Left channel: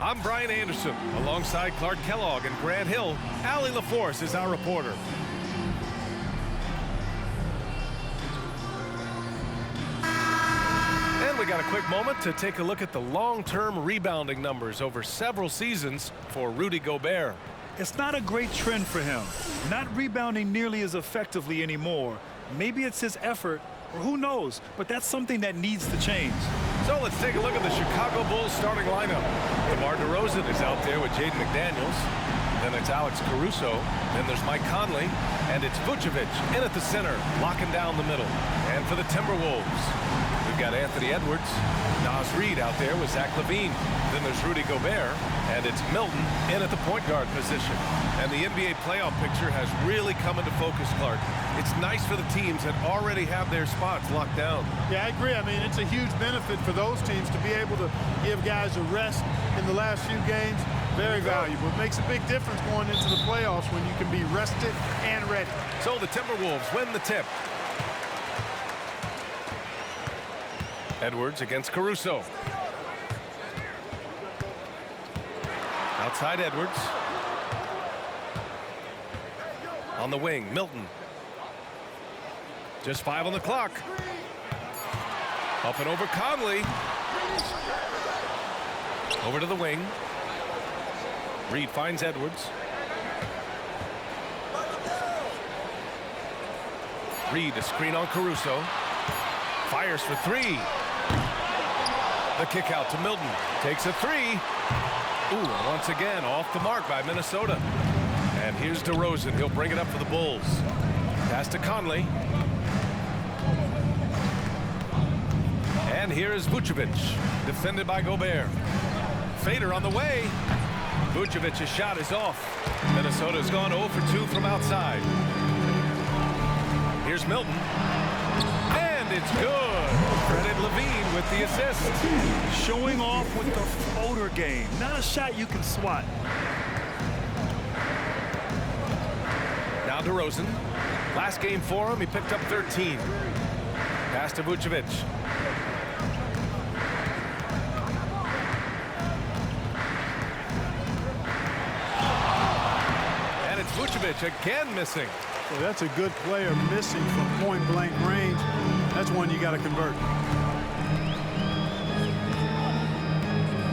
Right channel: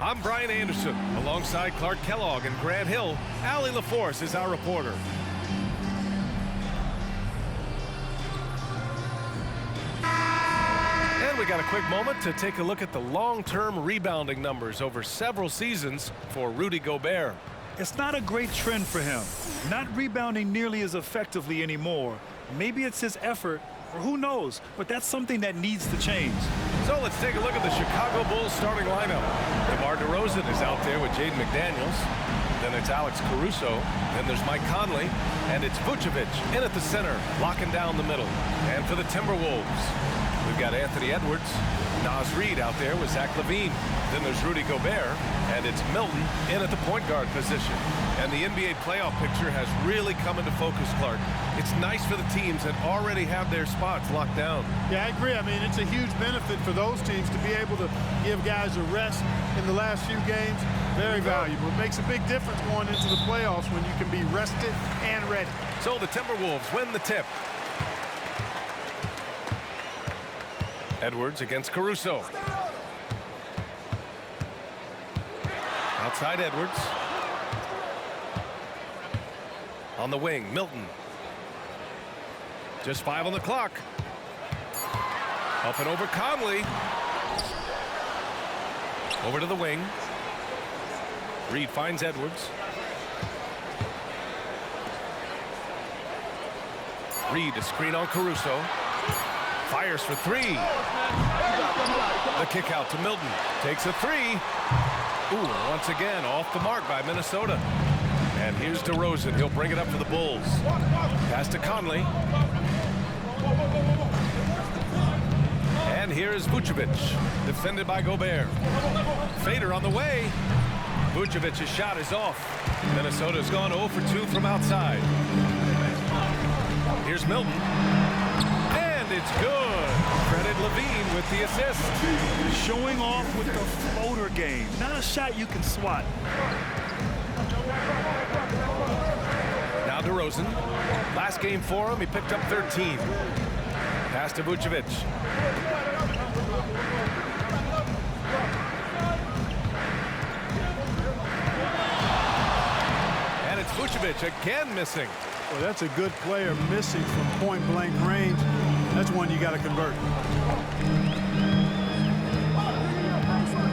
I'm Brian Anderson. Alongside Clark Kellogg and Grant Hill, Allie LaForce is our reporter. And we got a quick moment to take a look at the long-term rebounding numbers over several seasons for Rudy Gobert. It's not a great trend for him. Not rebounding nearly as effectively anymore. Maybe it's his effort, or who knows, but that's something that needs to change. So let's take a look at the Chicago Bulls starting lineup. DeMar DeRozan is out there with Jaden McDaniels. Then it's Alex Caruso. Then there's Mike Conley. And it's Vucevic in at the center, locking down the middle. And for the Timberwolves, we've got Anthony Edwards. Naz Reid out there with Zach LaVine. Then there's Rudy Gobert. And it's Milton in at the point guard position. And the NBA playoff picture has really come into focus, Clark. It's nice for the teams that already have their spots locked down. Yeah, I agree. I mean, it's a huge benefit for those teams to be able to give guys a rest in the last few games. Very valuable. It makes a big difference going into the playoffs when you can be rested and ready. So the Timberwolves win the tip. Edwards against Caruso. Outside Edwards. On the wing, Milton. Just 5 on the clock. Up and over Conley. Over to the wing. Reid finds Edwards. Reid a screen on Caruso. Fires for 3. The kick out to Milton. Takes a 3. Ooh, once again off the mark by Minnesota. And here's DeRozan. He'll bring it up for the Bulls. Pass to Conley. And here is Vucevic, defended by Gobert. Fader on the way. Vucevic's shot is off. Minnesota's gone 0 for 2 from outside. Here's Milton. And it's good. Credit LaVine with the assist. Showing off with the floater game. Not a shot you can swat. Now DeRozan. Last game for him, he picked up 13. Pass to Vucevic. And it's Vucevic again missing. Well, that's a good player missing from point-blank range. That's one you got to convert.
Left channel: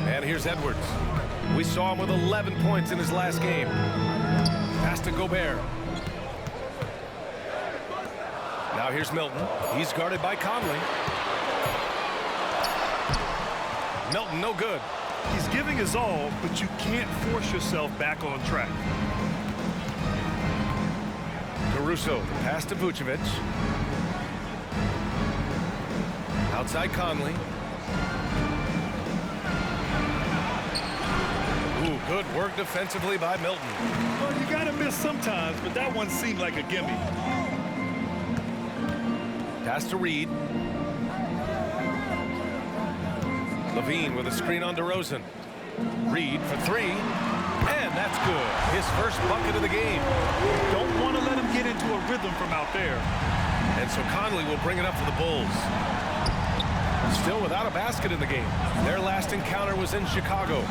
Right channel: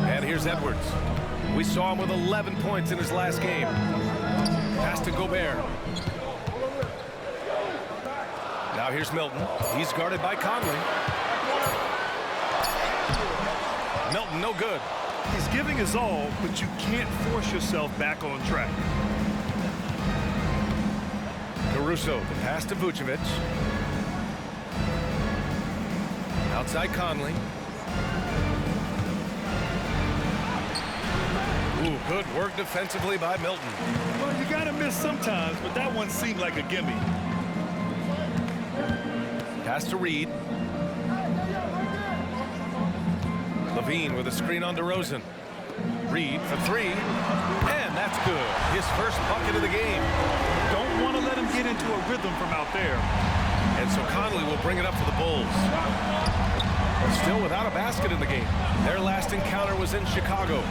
And here's Edwards. We saw him with 11 points in his last game. Pass to Gobert. Now here's Milton. He's guarded by Conley. Milton, no good. He's giving his all, but you can't force yourself back on track. Caruso, the pass to Vucevic. Outside Conley. Ooh, good work defensively by Milton. Well, you gotta miss sometimes, but that one seemed like a gimme. Pass to Reid. LaVine with a screen on DeRozan. Reid for 3. And that's good. His first bucket of the game. Don't want to let him get into a rhythm from out there. And so Conley will bring it up for the Bulls. Still without a basket in the game. Their last encounter was in Chicago.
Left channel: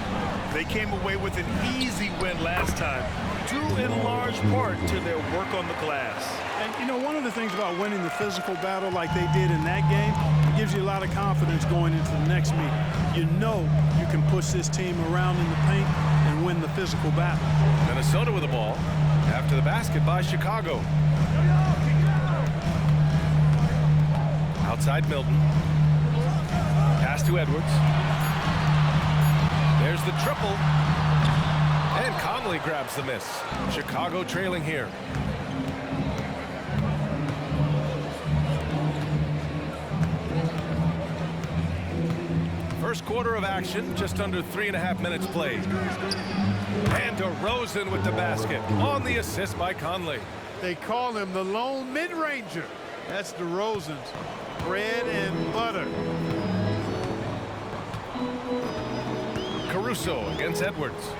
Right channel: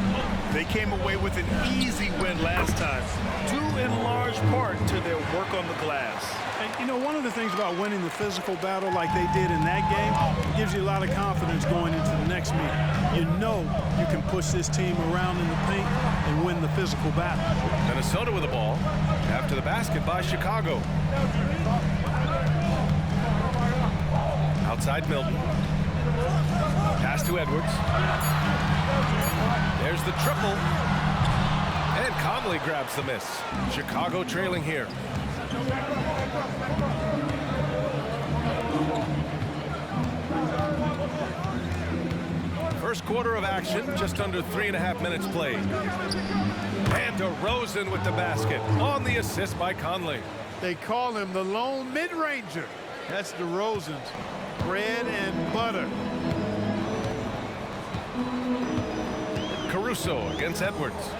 They came away with an easy win last time, due in large part to their work on the glass. And, you know, one of the things about winning the physical battle like they did in that game, it gives you a lot of confidence going into the next meeting. You know you can push this team around in the paint and win the physical battle. Minnesota with the ball after the basket by Chicago. Outside Milton. Pass to Edwards. There's the triple. And Conley grabs the miss. Chicago trailing here. First quarter of action, just under 3.5 minutes played. And DeRozan with the basket on the assist by Conley. They call him the lone mid-ranger. That's DeRozan's bread and butter. Caruso against Edwards.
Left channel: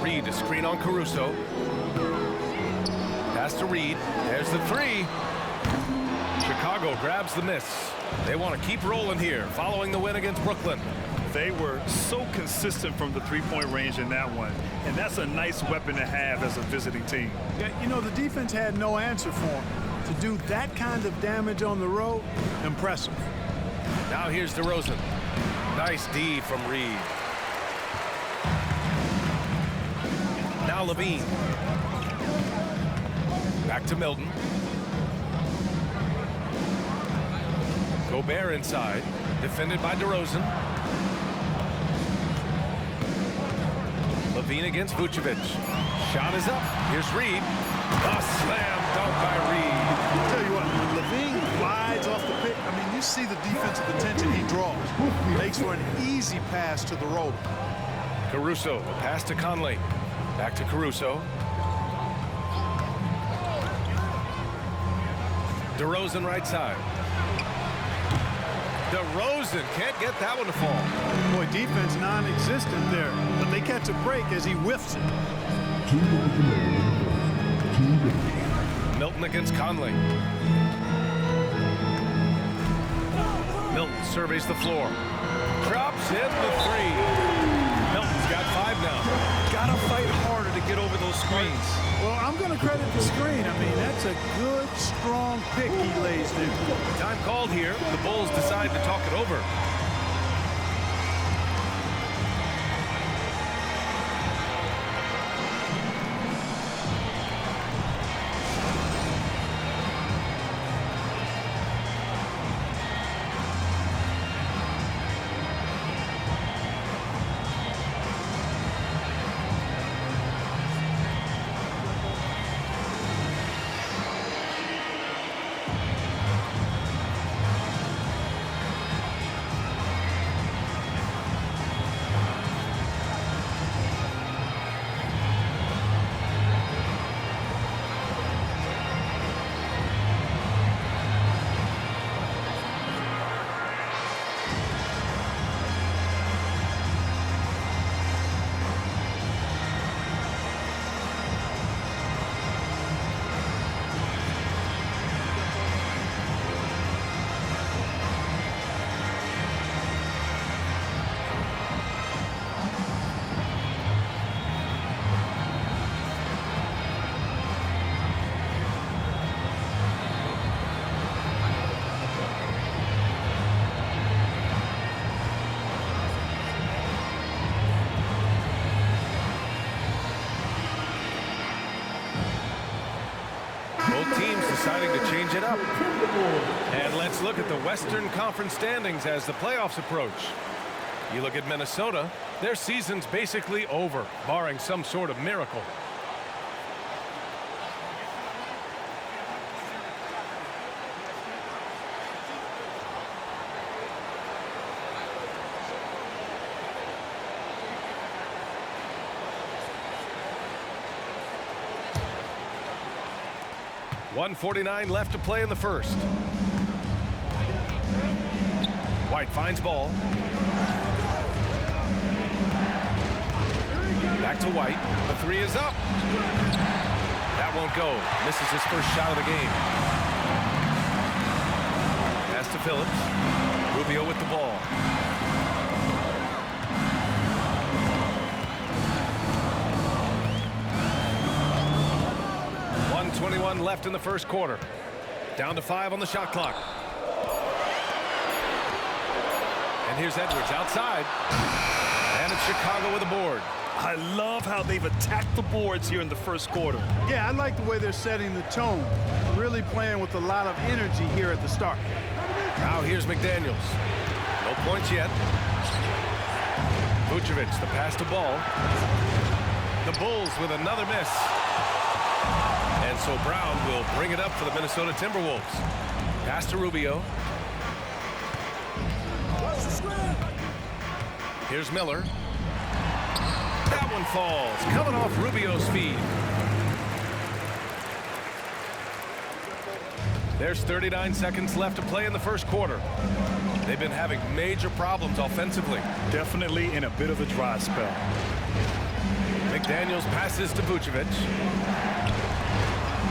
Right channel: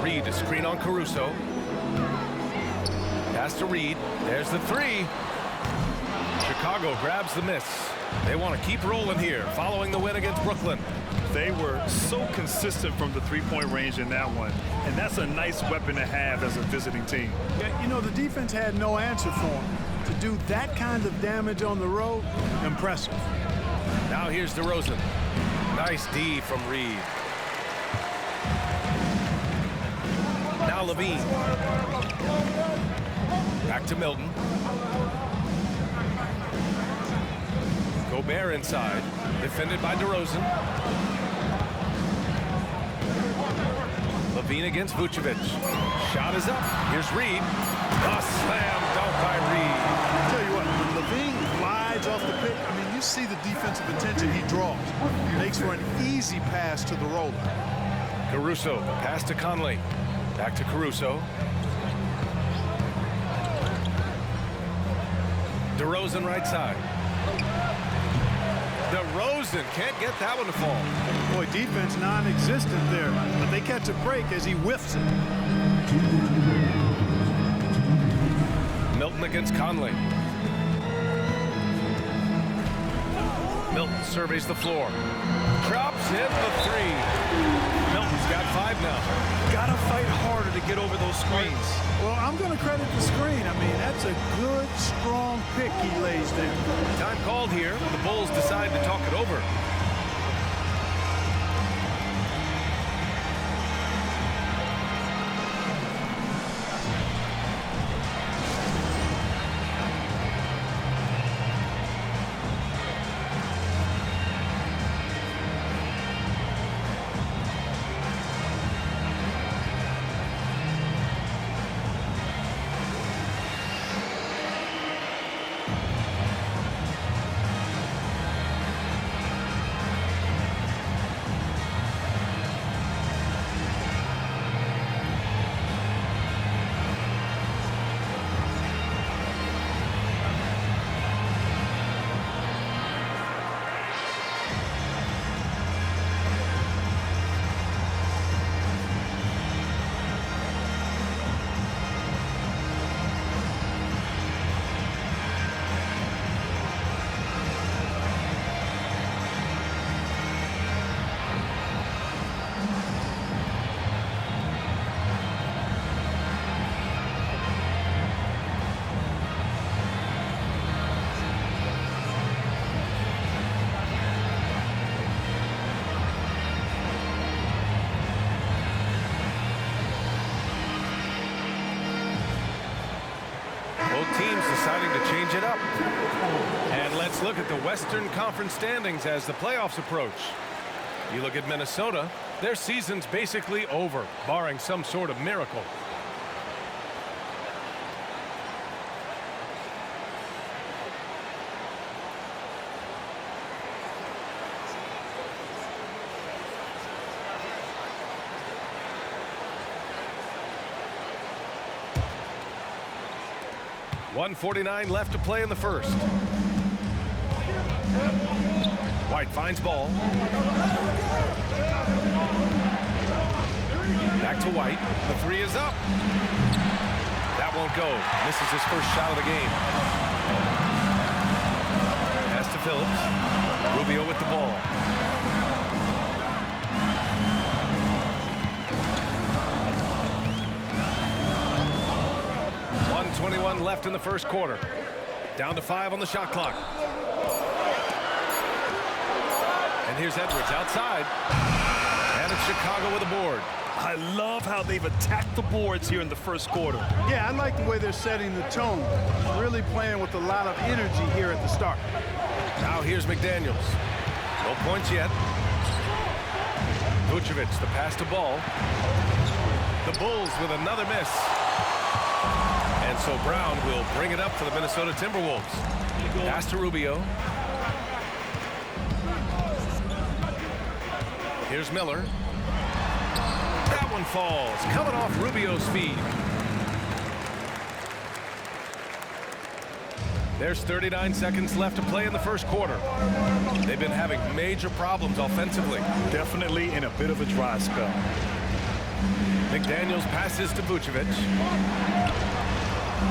Reid a screen on Caruso. Pass to Reid. There's the 3. Chicago grabs the miss. They want to keep rolling here following the win against Brooklyn. They were so consistent from the three-point range in that one, and that's a nice weapon to have as a visiting team. Yeah, you know, the defense had no answer for him. To do that kind of damage on the road, impressive. Now here's DeRozan. Nice D from Reed. Now Levine. Back to Milton. Gobert inside. Defended by DeRozan. Levine against Vucevic. Shot is up. Here's Reed. A slam dunk by Reed. I'll tell you what, when Levine glides off the pick, I mean, you see the defensive attention he draws. Makes for an easy pass to the roller. Caruso, a pass to Conley. Back to Caruso. DeRozan right side. DeRozan can't get that one to fall. Boy, defense non-existent there, but they catch a break as he whiffs it. Milton against Conley. Milton surveys the floor. Drops in the three. Milton's got 5 now. Gotta fight harder to get over those screens. Well, I'm going to credit the screen. I mean, that's a good, strong pick he lays there. Time called here. The Bulls decide to talk it over. Both teams deciding to change it up. And let's look at the Western Conference standings as the playoffs approach. You look at Minnesota, their season's basically over, barring some sort of miracle. .149 left to play in the first. White finds ball. Back to White. The three is up. That won't go. Misses his first shot of the game. Pass to Phillips. Rubio with the ball. .121 left in the first quarter. Down to 5 on the shot clock. And here's Edwards outside. And it's Chicago with a board. I love how they've attacked the boards here in the first quarter. Yeah, I like the way they're setting the tone. Really playing with a lot of energy here at the start. Now here's McDaniels. No points yet. Vucevic, the pass to Ball. The Bulls with another miss. And so Brown will bring it up for the Minnesota Timberwolves. Pass to Rubio. Here's Miller. That one falls, coming off Rubio's feet. There's 39 seconds left to play in the first quarter. They've been having major problems offensively. Definitely in a bit of a dry spell. McDaniels passes to Vucevic.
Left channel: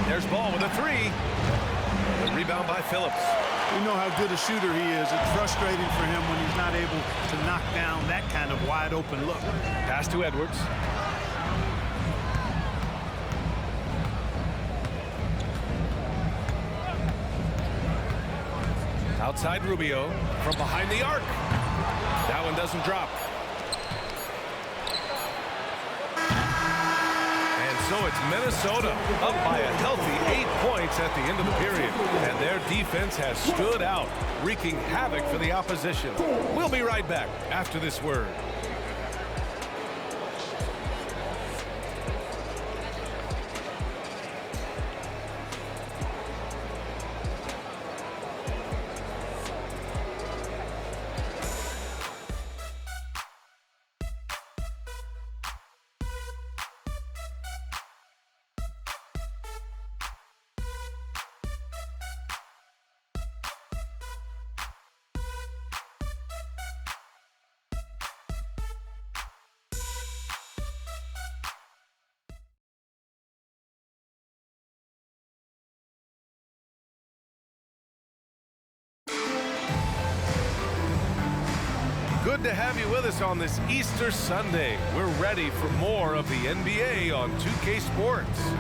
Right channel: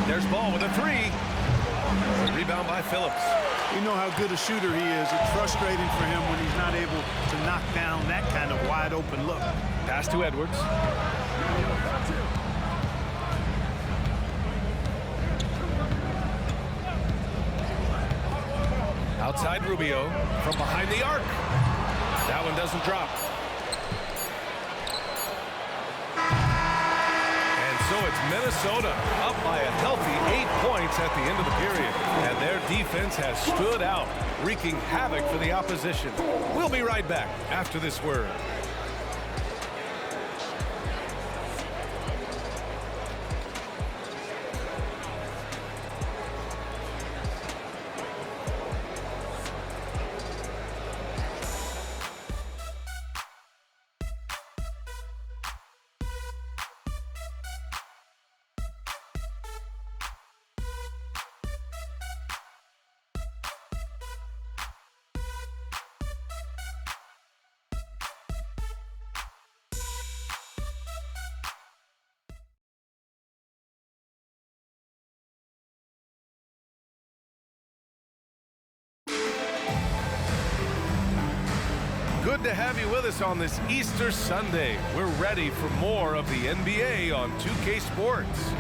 There's Ball with a three. A rebound by Phillips. We know how good a shooter he is. It's frustrating for him when he's not able to knock down that kind of wide open look. Pass to Edwards. Outside Rubio from behind the arc. That one doesn't drop. And so it's Minnesota up by a healthy 8 points at the end of the period. And their defense has stood out, wreaking havoc for the opposition. We'll be right back after this word. Good to have you with us on this Easter Sunday. We're ready for more of the NBA on 2K Sports.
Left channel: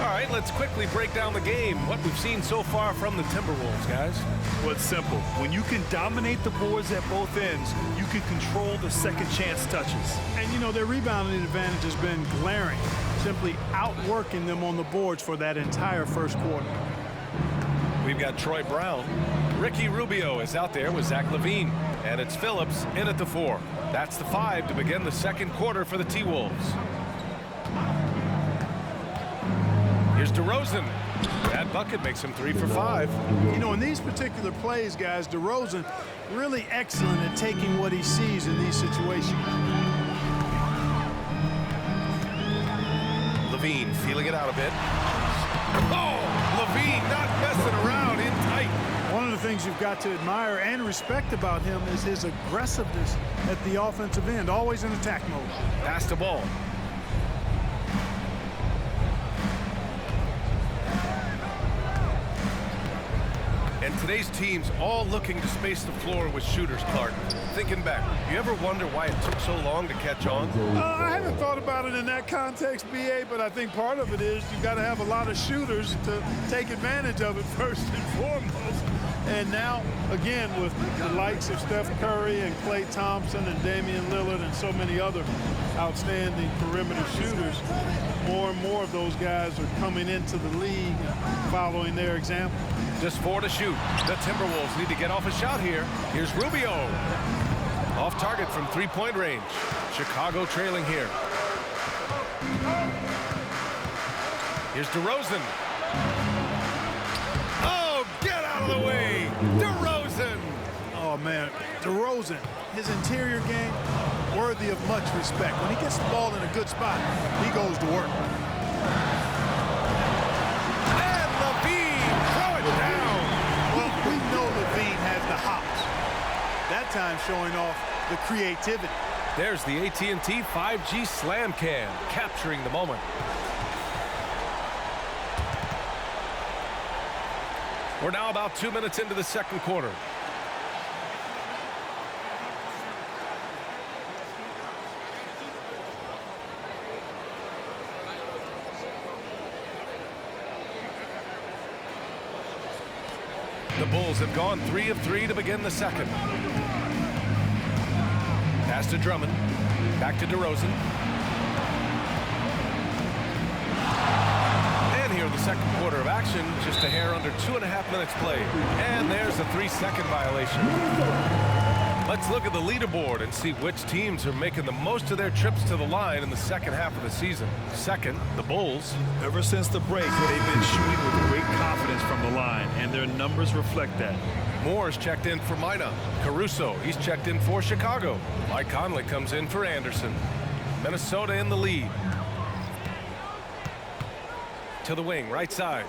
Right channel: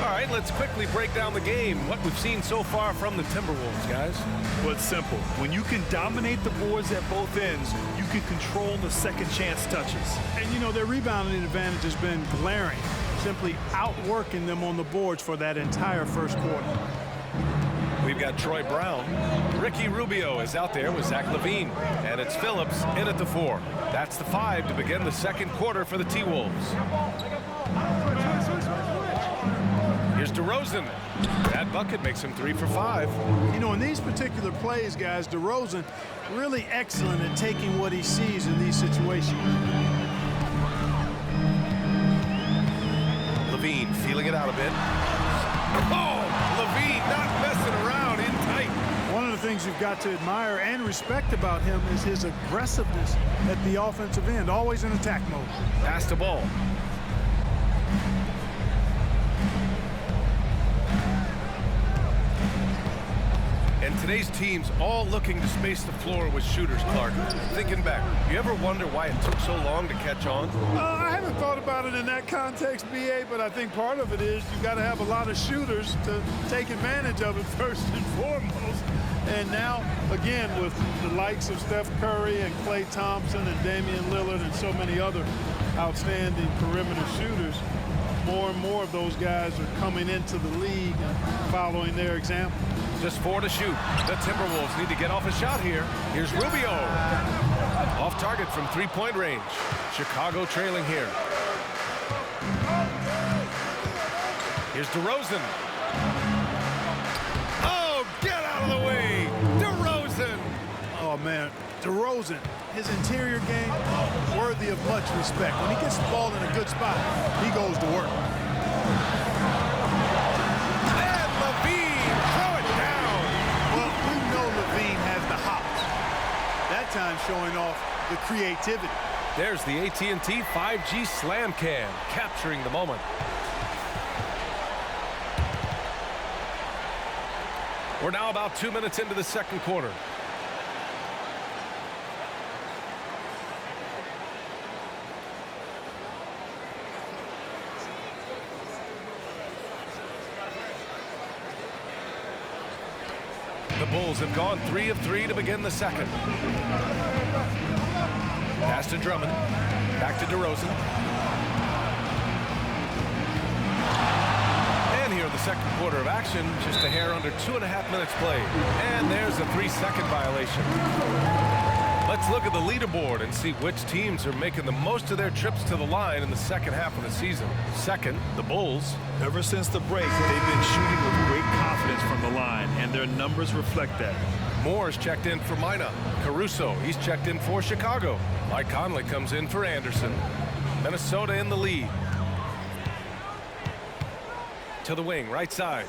All right, let's quickly break down the game, what we've seen so far from the Timberwolves, guys. Well, it's simple. When you can dominate the boards at both ends, you can control the second chance touches. And, you know, their rebounding advantage has been glaring, simply outworking them on the boards for that entire first quarter. We've got Troy Brown. Ricky Rubio is out there with Zach LaVine. And it's Phillips in at the 4. That's the 5 to begin the second quarter for the T-Wolves. Here's DeRozan. That bucket makes him 3 for 5. You know, in these particular plays, guys, DeRozan really excellent at taking what he sees in these situations. LaVine feeling it out a bit. Oh, LaVine not messing around, in tight. One of the things you've got to admire and respect about him is his aggressiveness at the offensive end, always in attack mode. Pass the ball. And today's team's all looking to space the floor with shooters, Clark. Thinking back, you ever wonder why it took so long to catch on? I haven't thought about it in that context, B.A., but I think part of it is you've got to have a lot of shooters to take advantage of it first and foremost. And now, again, with the likes of Steph Curry and Klay Thompson and Damian Lillard and so many other outstanding perimeter shooters, more and more of those guys are coming into the league and following their example. Just 4 to shoot. The Timberwolves need to get off a shot here. Here's Rubio. Off target from 3-point range. Chicago trailing here. Here's DeRozan. Oh, get out of the way. DeRozan. Oh, man, DeRozan, his interior game, worthy of much respect. When he gets the ball in a good spot, he goes to work. And LaVine, throw it down. Well, we know LaVine has the hops. That time showing off the creativity. There's the AT&T 5G Slam Cam, capturing the moment. We're now about 2 minutes into the second quarter. The Bulls have gone 3 of 3 to begin the second. Pass to Drummond. Back to DeRozan. And here in the second quarter of action, just a hair under 2.5 minutes played. And there's a 3-second violation. Let's look at the leaderboard and see which teams are making the most of their trips to the line in the second half of the season. Second, the Bulls. Ever since the break, they've been shooting with great confidence from the line, and their numbers reflect that. Moore's checked in for Mina. Caruso, he's checked in for Chicago. Mike Conley comes in for Anderson. Minnesota in the lead. To the wing, right side.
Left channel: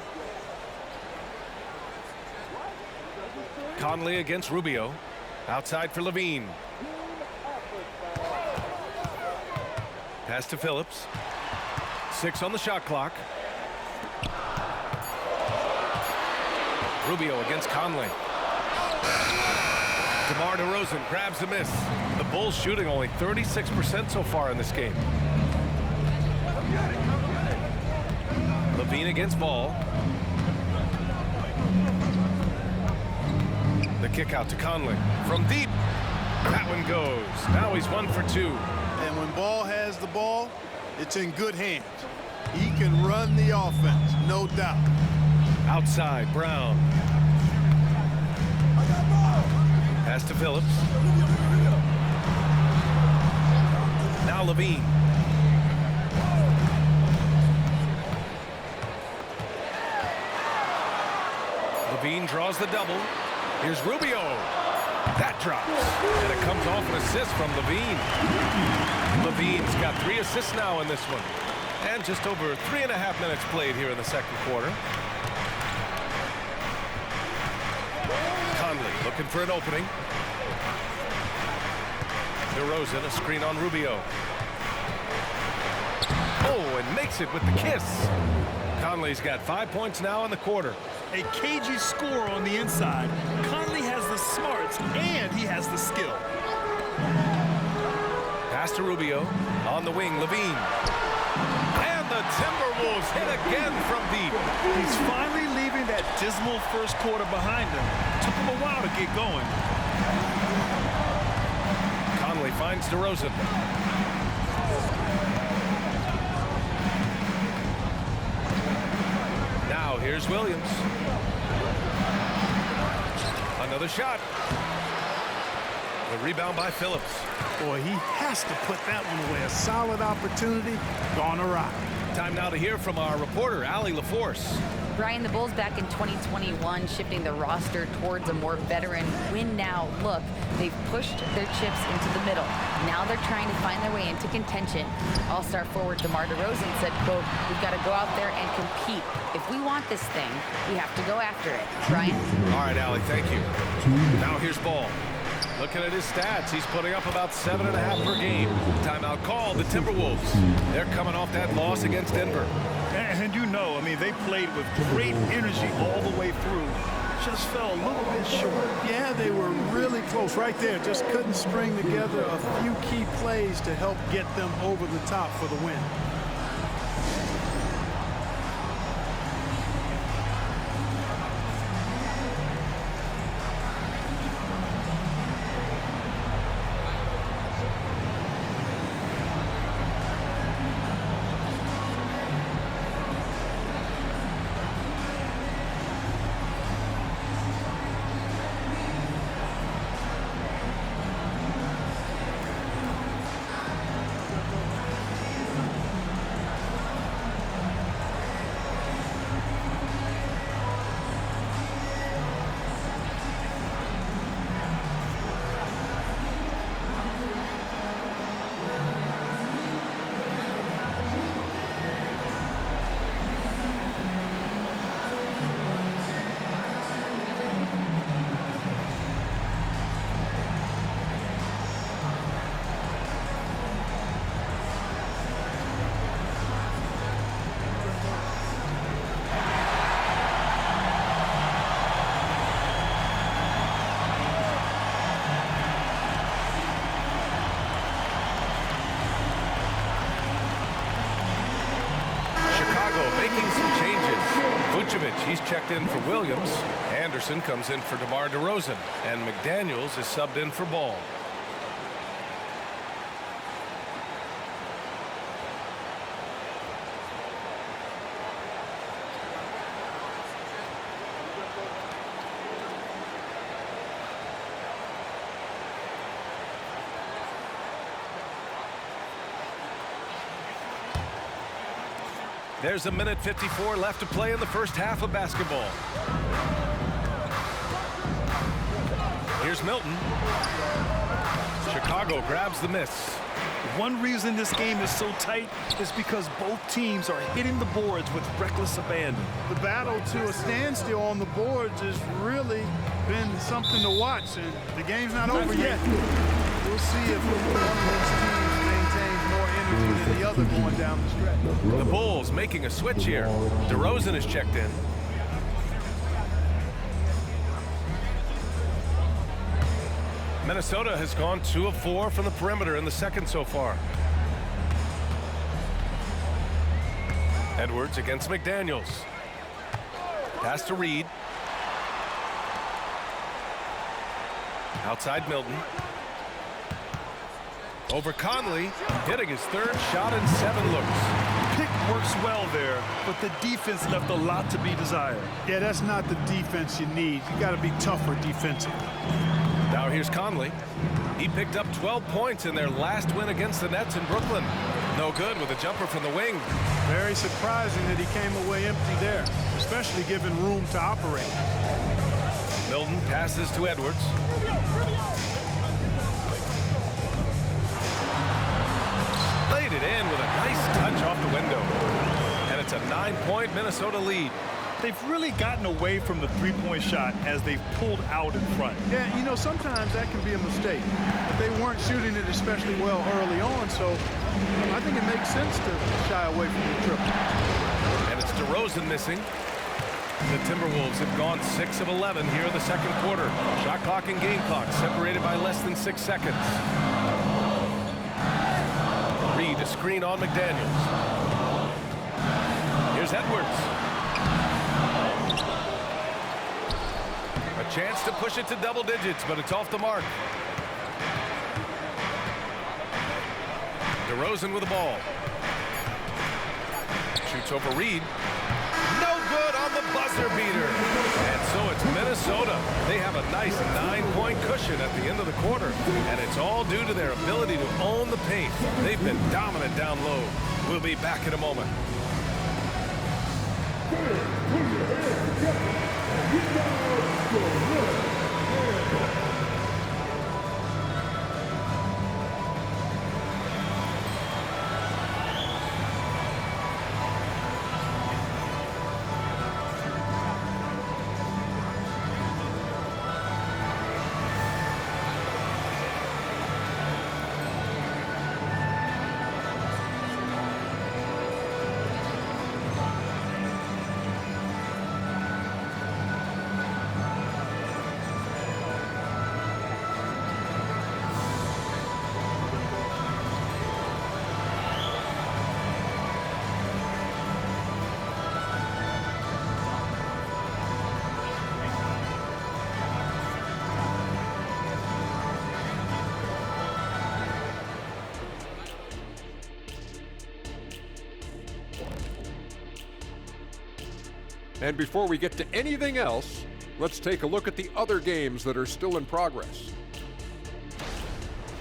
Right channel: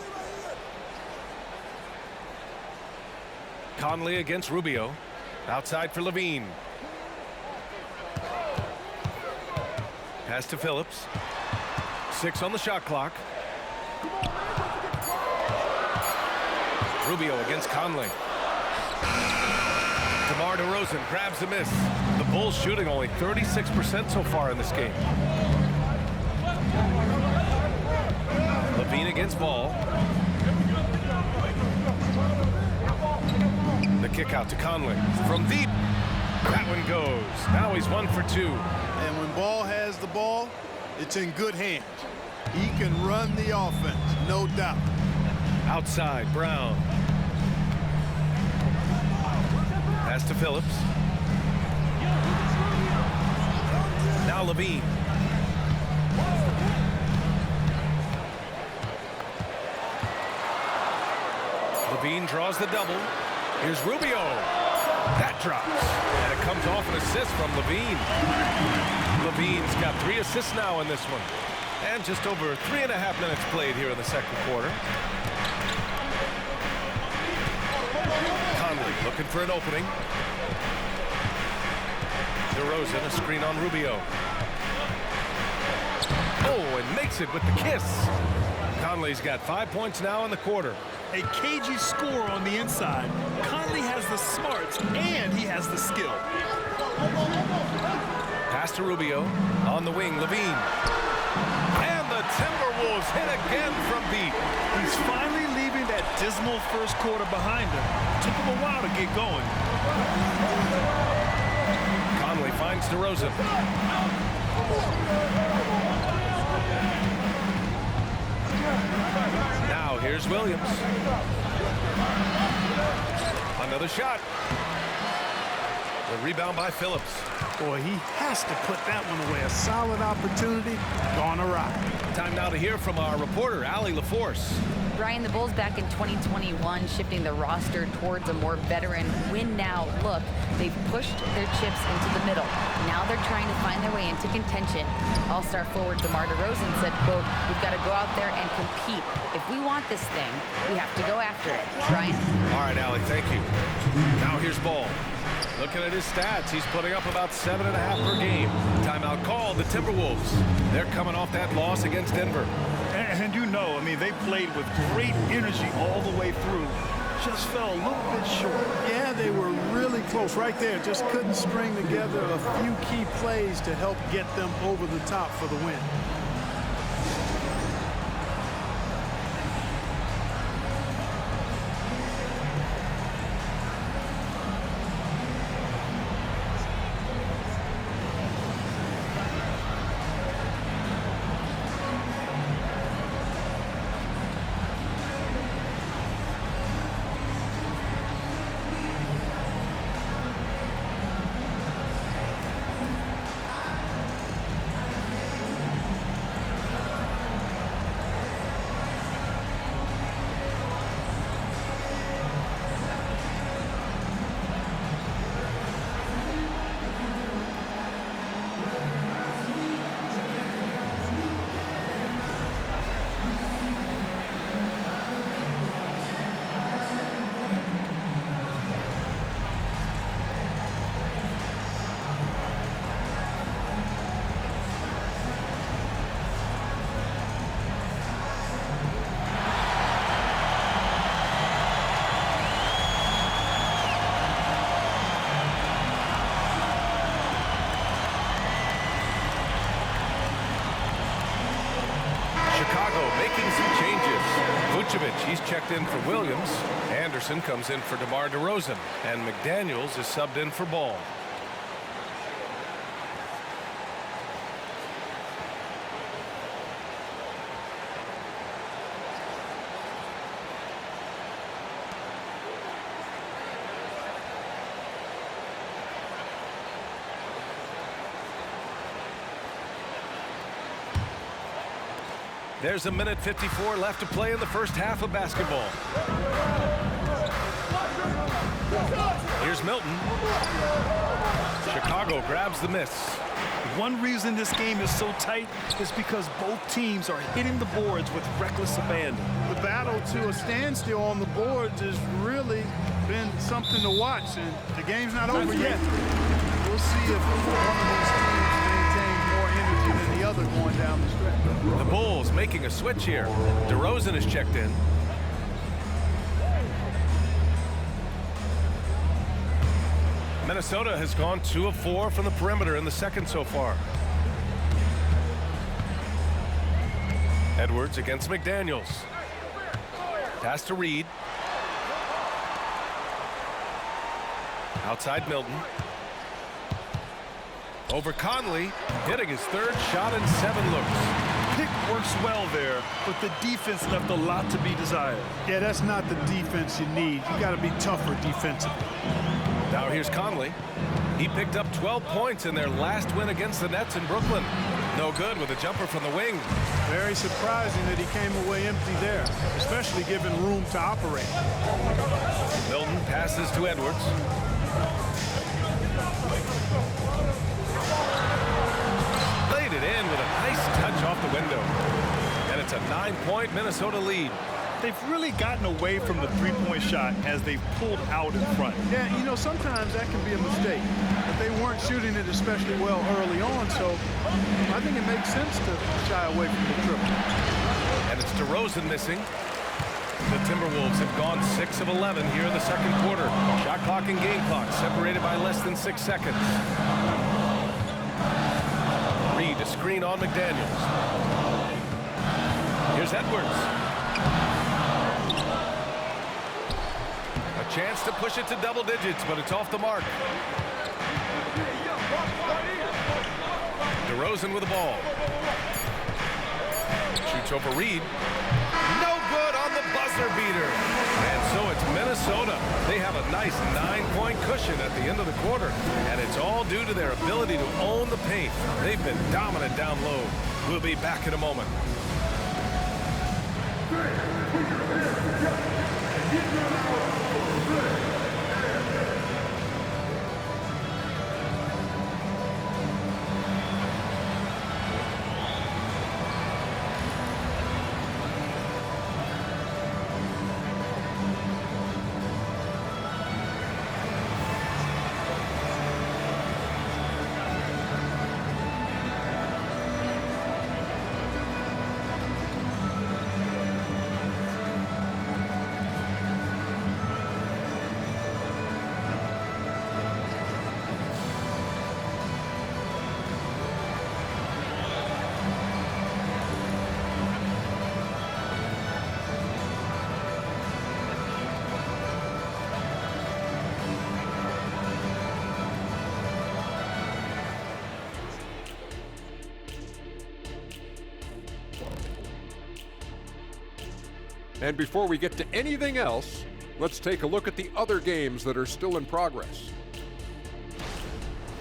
Conley against Rubio. Outside for LaVine. Pass to Phillips. 6 on the shot clock. Rubio against Conley. DeMar DeRozan grabs a miss. The Bulls shooting only 36% so far in this game. LaVine against Ball. The kick out to Conley from deep. That one goes. Now he's 1 for 2. And when Ball has the ball, it's in good hands. He can run the offense, no doubt. Outside, Brown. Pass to Phillips. Now LaVine. LaVine draws the double. Here's Rubio. That drops. And it comes off an assist from LaVine. LaVine's got 3 assists now in this one. And just over 3.5 minutes played here in the second quarter. Conley looking for an opening. DeRozan, a screen on Rubio. Oh, and makes it with the kiss. Conley's got 5 points now in the quarter. A cagey score on the inside. Conley has the smarts and he has the skill. Pass to Rubio. On the wing, LaVine. And the Timberwolves hit again from deep. He's finally leaving that dismal first quarter behind him. Took him a while to get going. Conley finds DeRozan. Now here's Williams. Another shot. The rebound by Phillips. Boy, he has to put that one away. A solid opportunity, gone awry. Time now to hear from our reporter, Allie LaForce. Brian, the Bulls back in 2021 shifting the roster towards a more veteran win-now look. They've pushed their chips into the middle. Now they're trying to find their way into contention. All-star forward DeMar DeRozan said, quote, "We've got to go out there and compete. If we want this thing, we have to go after it." Brian? All right, Allie, thank you. Now here's Ball. Looking at his stats, he's putting up about 7.5 per game. Timeout called, the Timberwolves. They're coming off that loss against Denver. And you know, I mean, they played with great energy all the way through. Just fell a little bit short. Yeah, they were really close right there. Just couldn't string together a few key plays to help get them over the top for the win. Chicago making some changes. Vucevic, he's checked in for Williams. Anderson comes in for DeMar DeRozan. And McDaniels is subbed in for Ball. There's 1:54 left to play in the first half of basketball. Here's Milton. Chicago grabs the miss. One reason this game is so tight is because both teams are hitting the boards with reckless abandon. The battle to a standstill on the boards has really been something to watch, and the game's not over yet. We'll see if one of these teams maintains more energy than the other going down the stretch. The Bulls making a switch here. DeRozan is checked in. Minnesota has gone 2 of 4 from the perimeter in the second so far. Edwards against McDaniels. Pass to Reed. Outside Milton. Over Conley, hitting his third shot in 7 looks. Pick works well there, but the defense left a lot to be desired. Yeah, that's not the defense you need. You got to be tougher defensively. Now here's Conley. He picked up 12 points in their last win against the Nets in Brooklyn. No good with a jumper from the wing. Very surprising that he came away empty there, especially given room to operate. Milton passes to Edwards. Laid it in with a nice touch off the window. And it's a 9-point Minnesota lead. They've really gotten away from the three-point shot as they've pulled out in front. Yeah, you know, sometimes that can be a mistake. But they weren't shooting it especially well early on, so I think it makes sense to shy away from the triple. And it's DeRozan missing. The Timberwolves have gone 6 of 11 here in the second quarter. Shot clock and game clock separated by less than 6 seconds. Reed to screen on McDaniels. Here's Edwards. A chance to push it to double digits, but it's off the mark. DeRozan with the ball. Shoots over Reed. No good on the buzzer beater. And so it's Minnesota. They have a nice 9-point cushion at the end of the quarter. And it's all due to their ability to own the paint. They've been dominant down low. We'll be back in a moment. And before we get to anything else, let's take a look at the other games that are still in progress.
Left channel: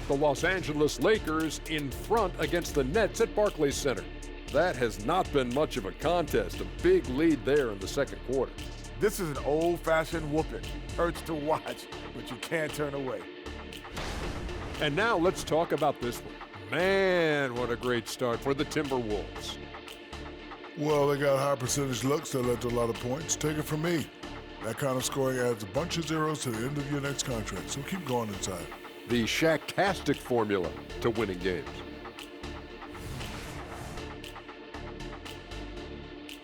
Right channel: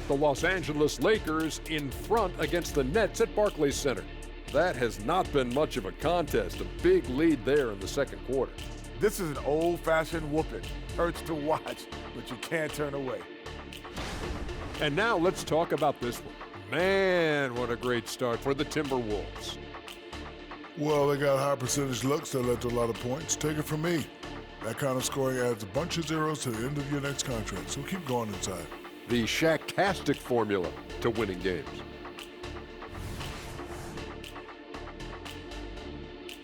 The Los Angeles Lakers in front against the Nets at Barclays Center. That has not been much of a contest. A big lead there in the second quarter. This is an old-fashioned whooping. Hurts to watch, but you can't turn away. And now let's talk about this one. Man, what a great start for the Timberwolves. Well, they got high percentage looks that led to a lot of points. Take it from me. That kind of scoring adds a bunch of zeros to the end of your next contract, so keep going inside. The Shaq-tastic formula to winning games.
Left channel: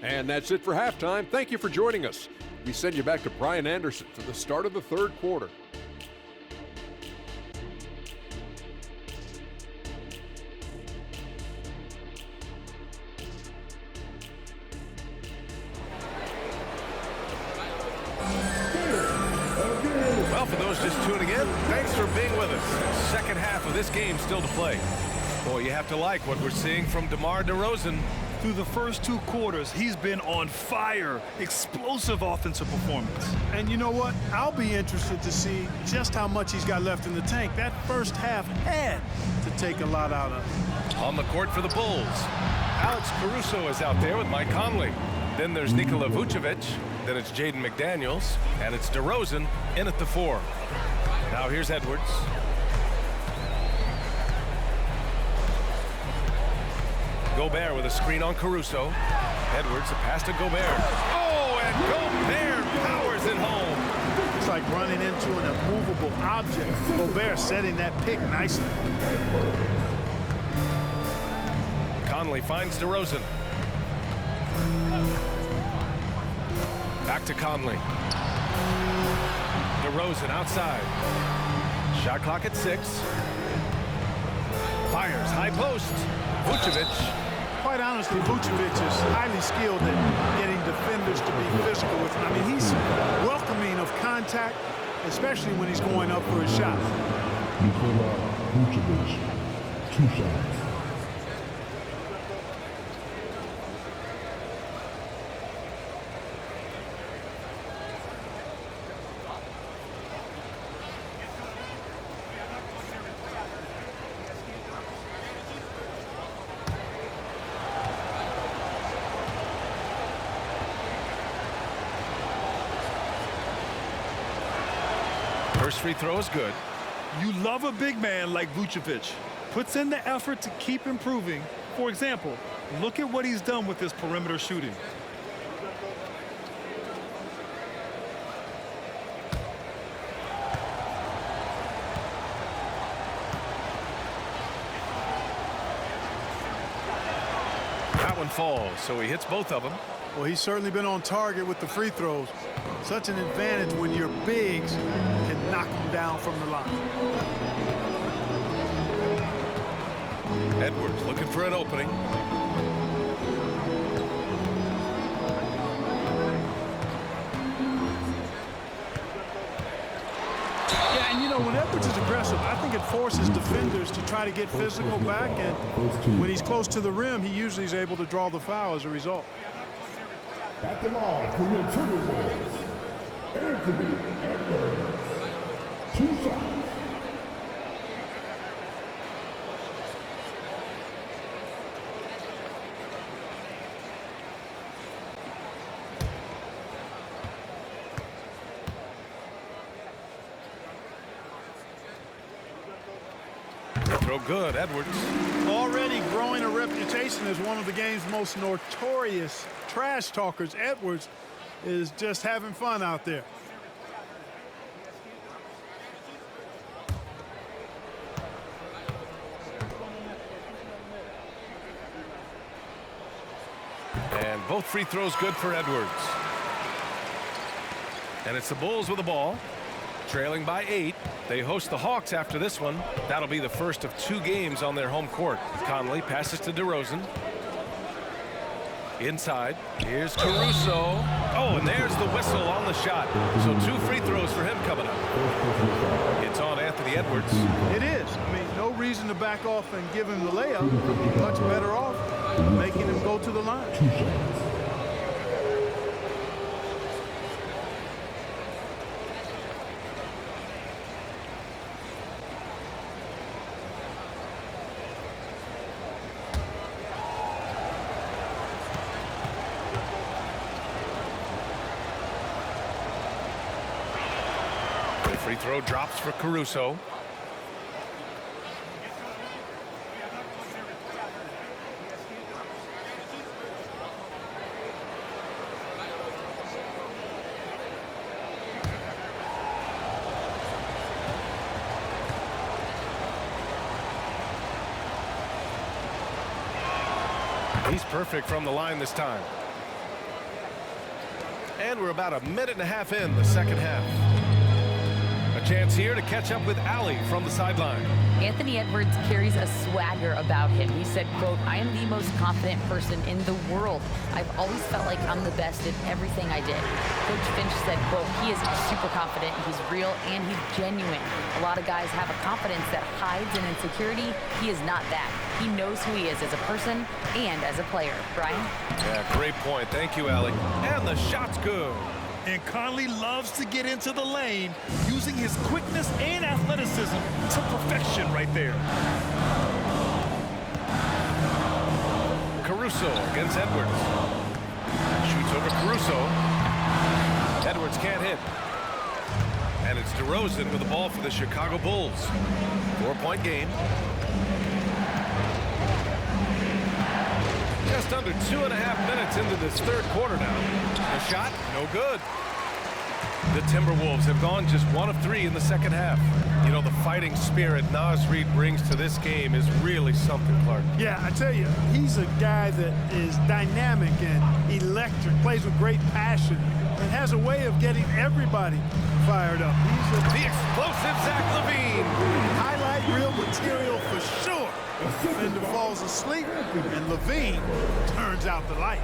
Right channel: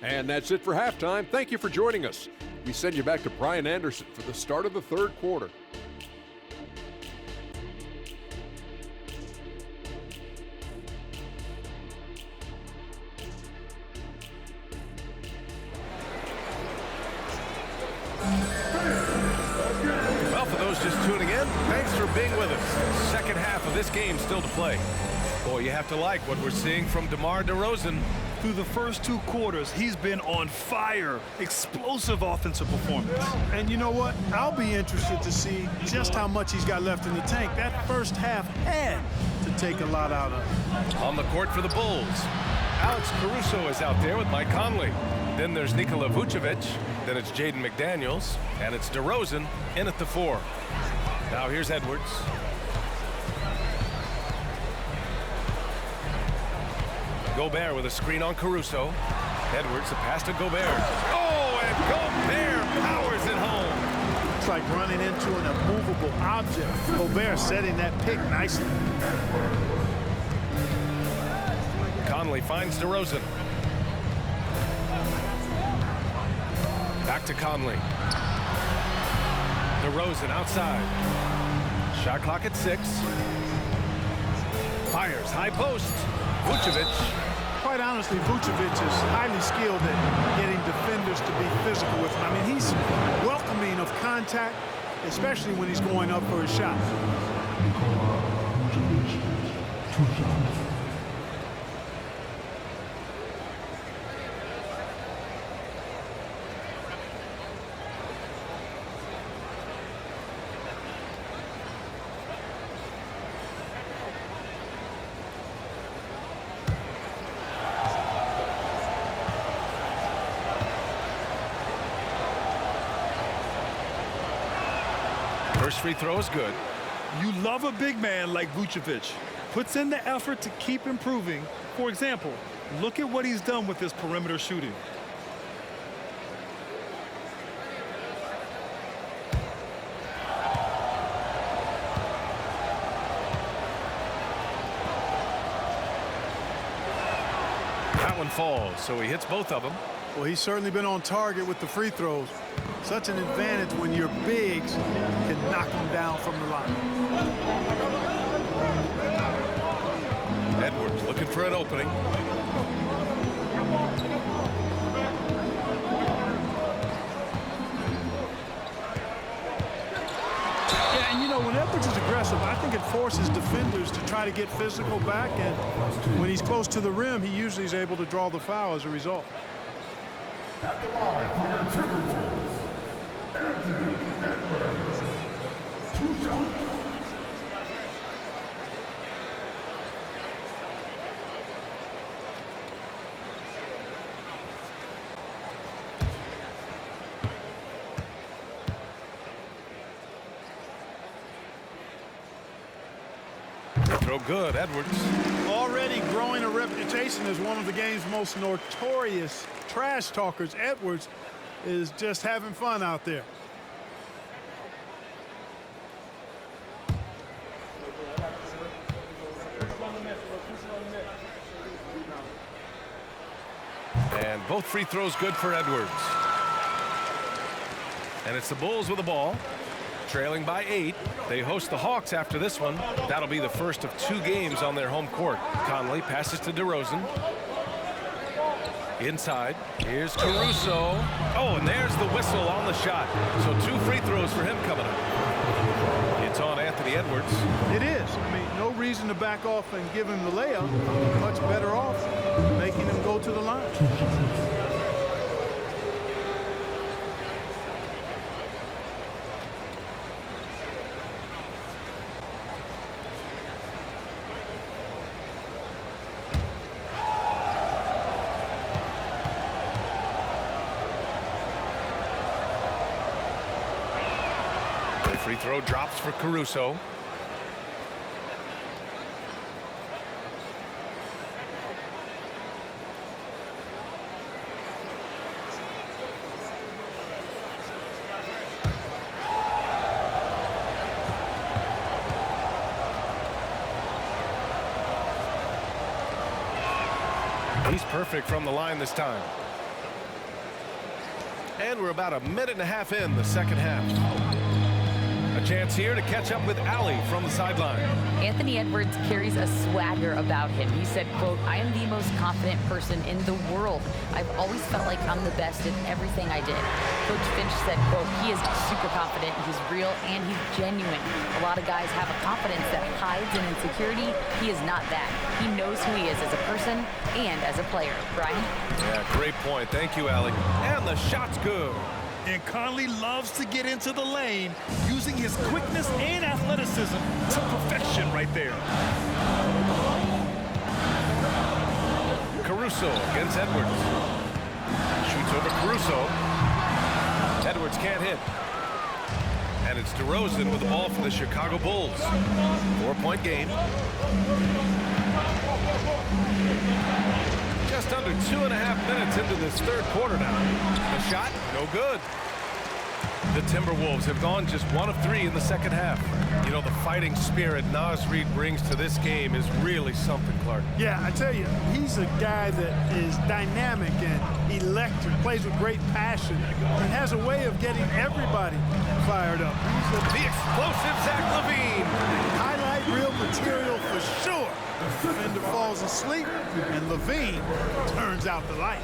And that's it for halftime. Thank you for joining us. We send you back to Brian Anderson for the start of the third quarter. Well, for those just tuning in, thanks for being with us. Second half of this game still to play. Boy, you have to like what we're seeing from DeMar DeRozan. Through the first 2 quarters, he's been on fire. Explosive offensive performance. And you know what? I'll be interested to see just how much he's got left in the tank. That first half had to take a lot out of. On the court for the Bulls, Alex Caruso is out there with Mike Conley. Then there's Nikola Vucevic. Then it's Jaden McDaniels. And it's DeRozan in at the 4. Now here's Edwards. Gobert with a screen on Caruso. Edwards, the pass to Gobert. Oh, and Gobert powers it home. It's like running into an immovable object. Gobert setting that pick nicely. Conley finds DeRozan. Back to Conley. DeRozan outside. Shot clock at 6. Fires high post. Vucevic. Quite honestly, Vucevic is highly skilled at getting defenders to be physical with him. I mean, he's welcoming of contact, especially when he's going up for a shot. Nikola Vucevic, 2 shots. First free throw is good. You love a big man like Vucevic. Puts in the effort to keep improving. For example, look at what he's done with his perimeter shooting. That one falls, so he hits both of them. Well, he's certainly been on target with the free throws. Such an advantage when your bigs can knock them down from the line. Edwards looking for an opening. Yeah, and you know, when Edwards is aggressive, I think it forces defenders to try to get physical back, and when he's close to the rim, he usually is able to draw the foul as a result. At the line for your Timberwolves, Anthony Edwards, 2 shots. Throw good, Edwards. Already growing a reputation as one of the game's most notorious trash talkers, Edwards is just having fun out there. And both free throws good for Edwards. And it's the Bulls with the ball, trailing by 8. They host the Hawks after this one. That'll be the first of 2 games on their home court. Conley passes to DeRozan. Inside, here's Caruso. Oh, and there's the whistle on the shot. So 2 free throws for him coming up. It's on Anthony Edwards. It is. I mean, no reason to back off and give him the layup. Much better off making him go to the line. Free throw drops for Caruso. He's perfect from the line this time. And we're about a minute and a half in the second half. A chance here to catch up with Allie from the sideline. Anthony Edwards carries a swagger about him. He said, quote, "I am the most confident person in the world. I've always felt like I'm the best at everything I did." Coach Finch said, quote, "He is super confident, he's real, and he's genuine. A lot of guys have a confidence that hides an insecurity. He is not that. He knows who he is as a person and as a player." Brian? Yeah, great point. Thank you, Allie. And the shot's good. And Conley loves to get into the lane, using his quickness and athleticism to perfection right there. Caruso against Edwards. Shoots over Caruso. Edwards can't hit. And it's DeRozan with the ball for the Chicago Bulls. 4-point game. Just under 2.5 minutes into this third quarter now. The shot, no good. The Timberwolves have gone just 1 of 3 in the second half. You know, the fighting spirit Naz Reid brings to this game is really something, Clark. Yeah, I tell you, he's a guy that is dynamic and electric, plays with great passion, and has a way of getting everybody fired up. He's The explosive Zach LaVine. highlight reel material for sure. The defender falls asleep, and LaVine turns out the light.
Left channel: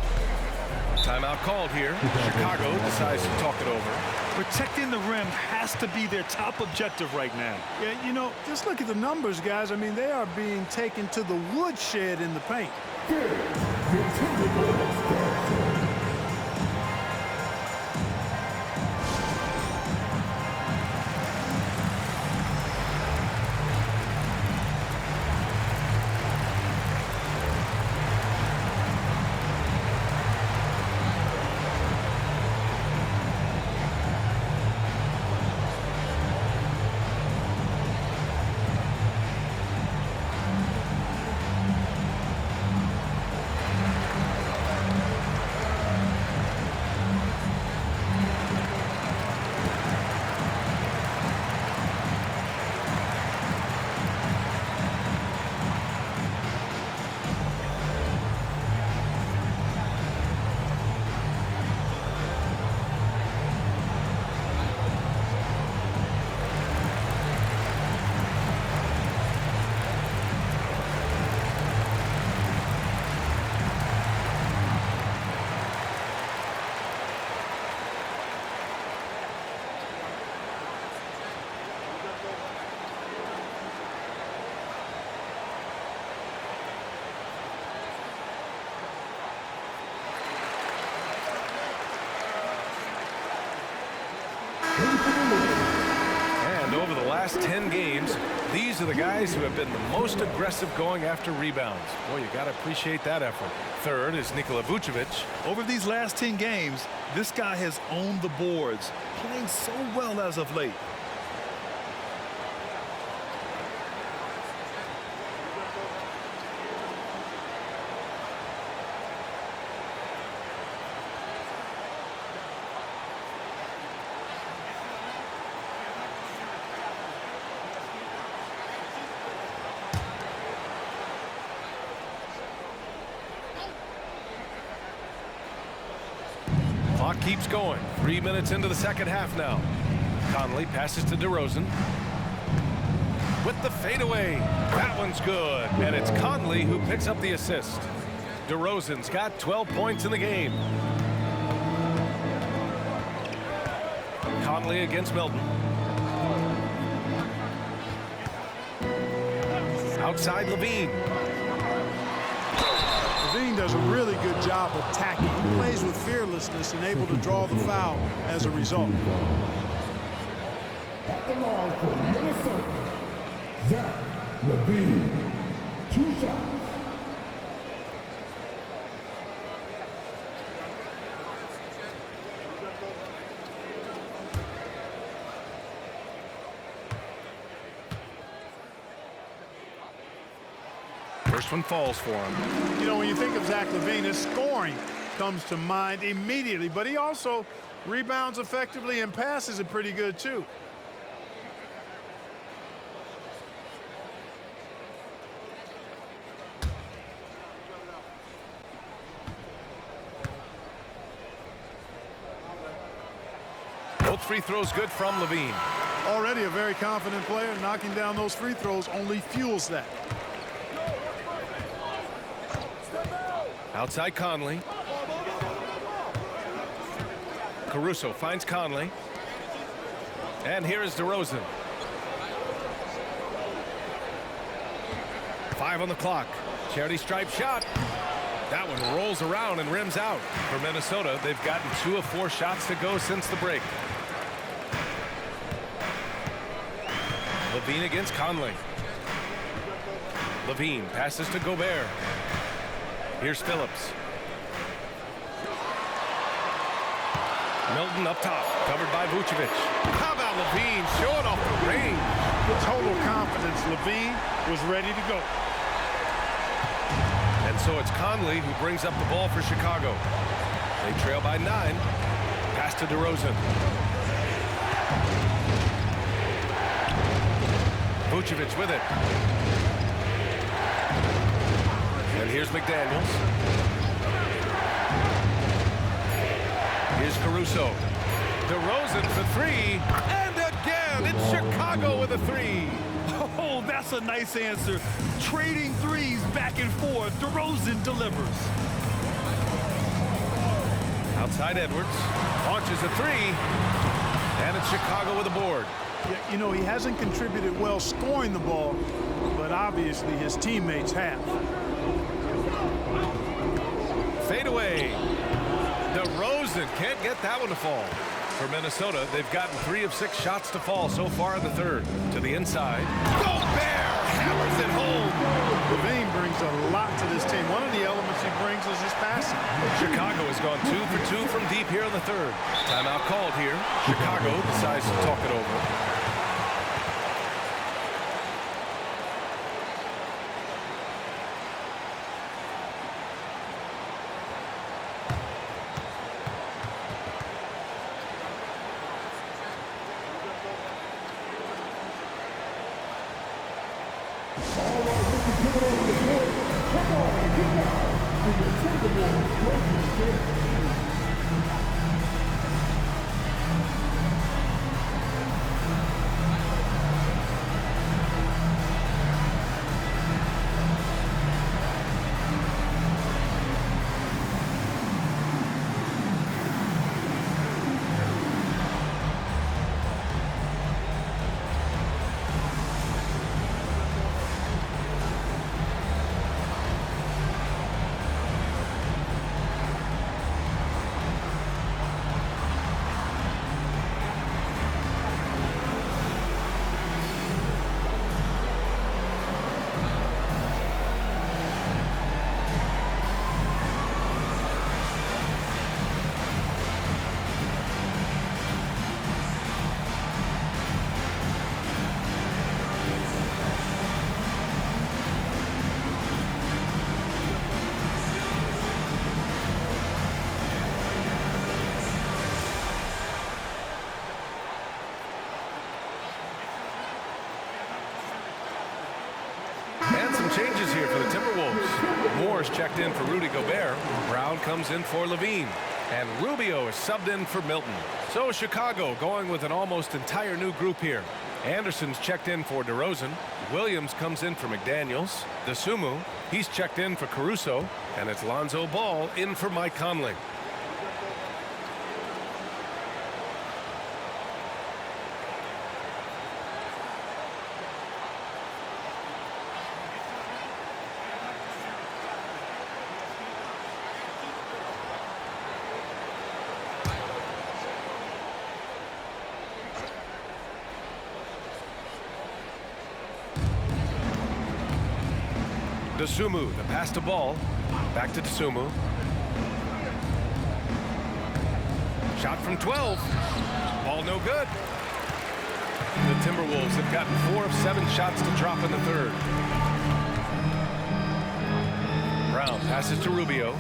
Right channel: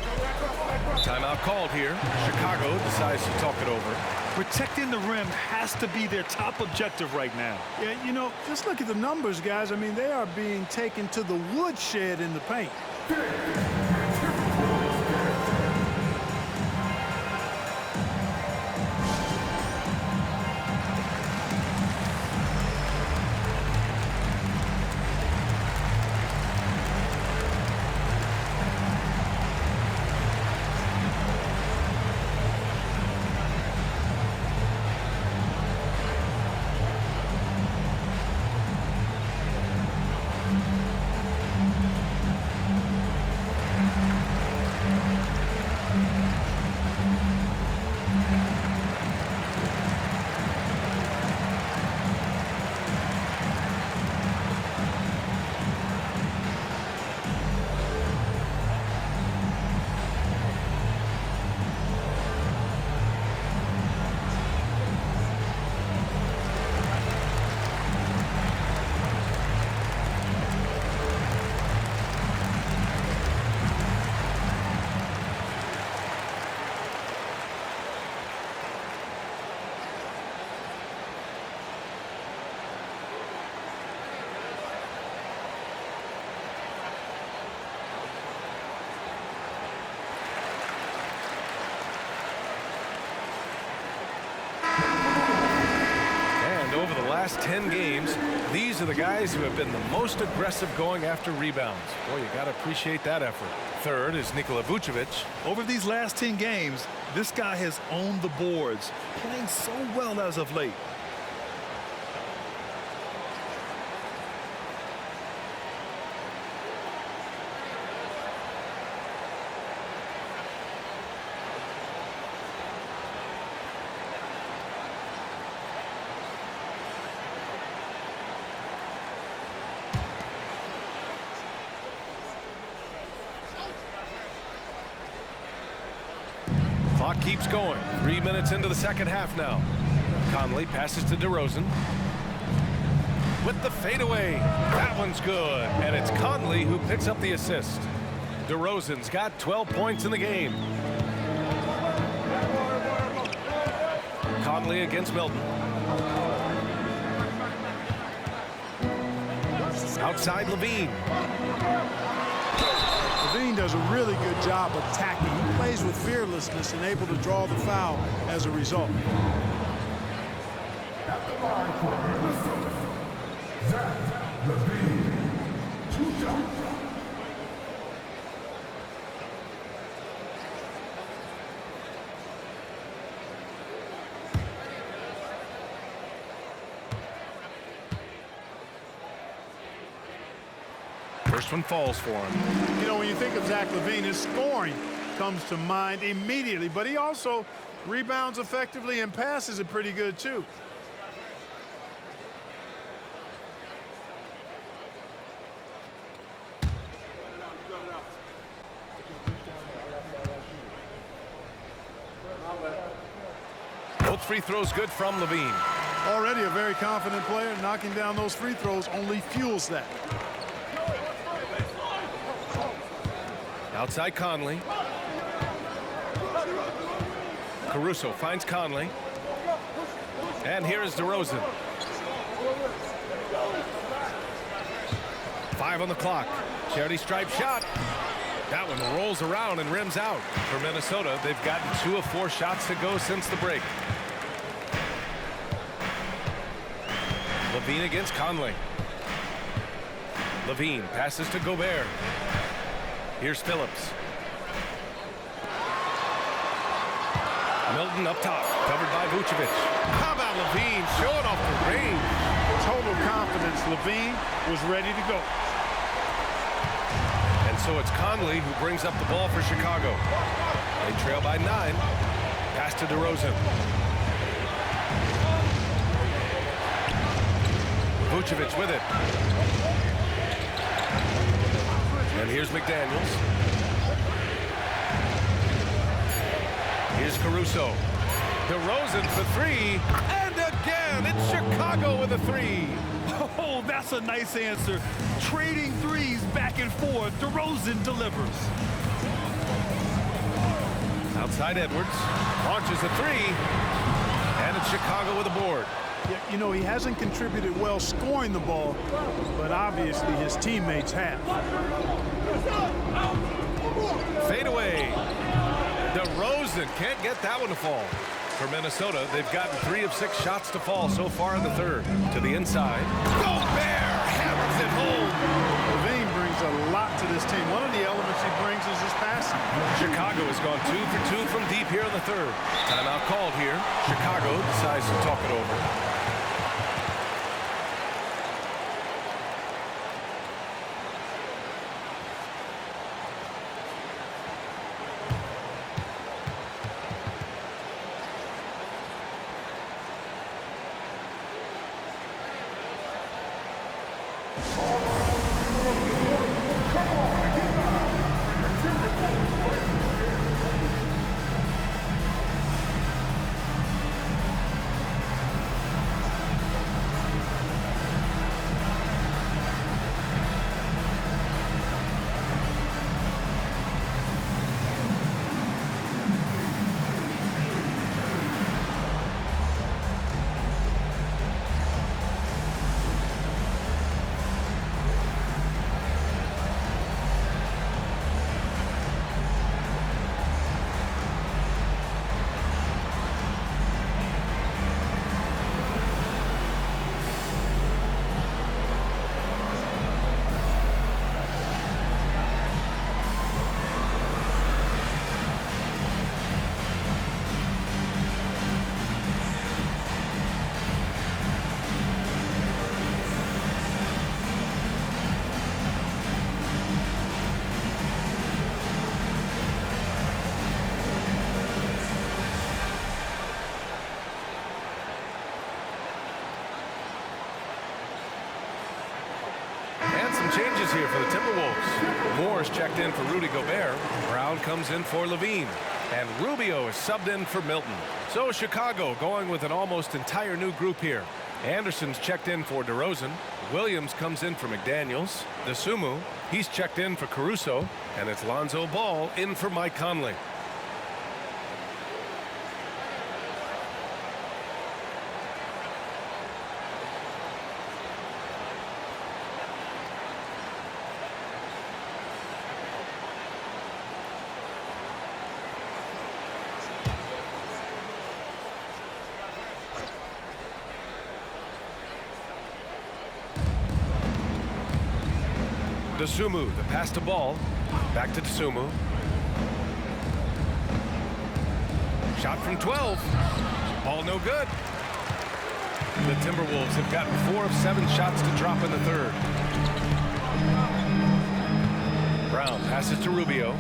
Timeout called here. Chicago decides to talk it over. Protecting the rim has to be their top objective right now. Yeah, you know, just look at the numbers, guys. I mean, they are being taken to the woodshed in the paint. And over the last 10 games, these are the guys who have been the most aggressive going after rebounds. Boy, you got to appreciate that effort. Third is Nikola Vucevic. Over these last 10 games, this guy has owned the boards, playing so well as of late. Clock keeps going. 3 minutes into the second half now. Conley passes to DeRozan. With the fadeaway. That one's good. And it's Conley who picks up the assist. DeRozan's got 12 points in the game. Conley against Milton. Outside LaVine. LaVine does a really good job attacking. He plays with fearlessness and able to draw the foul as a result. At the line for Minnesota, Zach LaVine. 2 shots. First one falls for him. You know, when you think of Zach LaVine, his scoring comes to mind immediately, but he also rebounds effectively and passes it pretty good, too. Both free throws good from LaVine. Already a very confident player. Knocking down those free throws only fuels that. Outside Conley. Caruso finds Conley. And here is DeRozan. 5 on the clock. Charity stripe shot. That one rolls around and rims out. For Minnesota, they've gotten 2 of 4 shots to go since the break. LaVine against Conley. LaVine passes to Gobert. Here's Phillips. Milton up top, covered by Vucevic. How about LaVine showing off the range? Total confidence. LaVine was ready to go. And so it's Conley who brings up the ball for Chicago. They trail by 9. Pass to DeRozan. Vucevic with it. And here's McDaniels. Here's Caruso. DeRozan for three. And again, it's Chicago with a three. Oh, that's a nice answer. Trading threes back and forth. DeRozan delivers. Outside Edwards. Launches a three. And it's Chicago with a board. Yeah, you know, he hasn't contributed well scoring the ball, but obviously his teammates have. Fade away. DeRozan can't get that one to fall. For Minnesota, they've gotten 3 of 6 shots to fall so far in the third. To the inside. Gobert hammers it home. LaVine brings a lot to this team. One of the elements he brings is his passing. Chicago has gone 2 for 2 from deep here in the third. Timeout called here. Chicago decides to talk it over. And some changes here for the Timberwolves. Moore's checked in for Rudy Gobert. Brown comes in for Levine. And Rubio is subbed in for Milton. So Chicago going with an almost entire new group here. Anderson's checked in for DeRozan. Williams comes in for McDaniels. DeSumo, he's checked in for Caruso. And it's Lonzo Ball in for Mike Conley. DeSumo, the pass to Ball. Back to DeSumo. Shot from 12. Ball no good. The Timberwolves have gotten 4 of 7 shots to drop in the third. Brown passes to Rubio.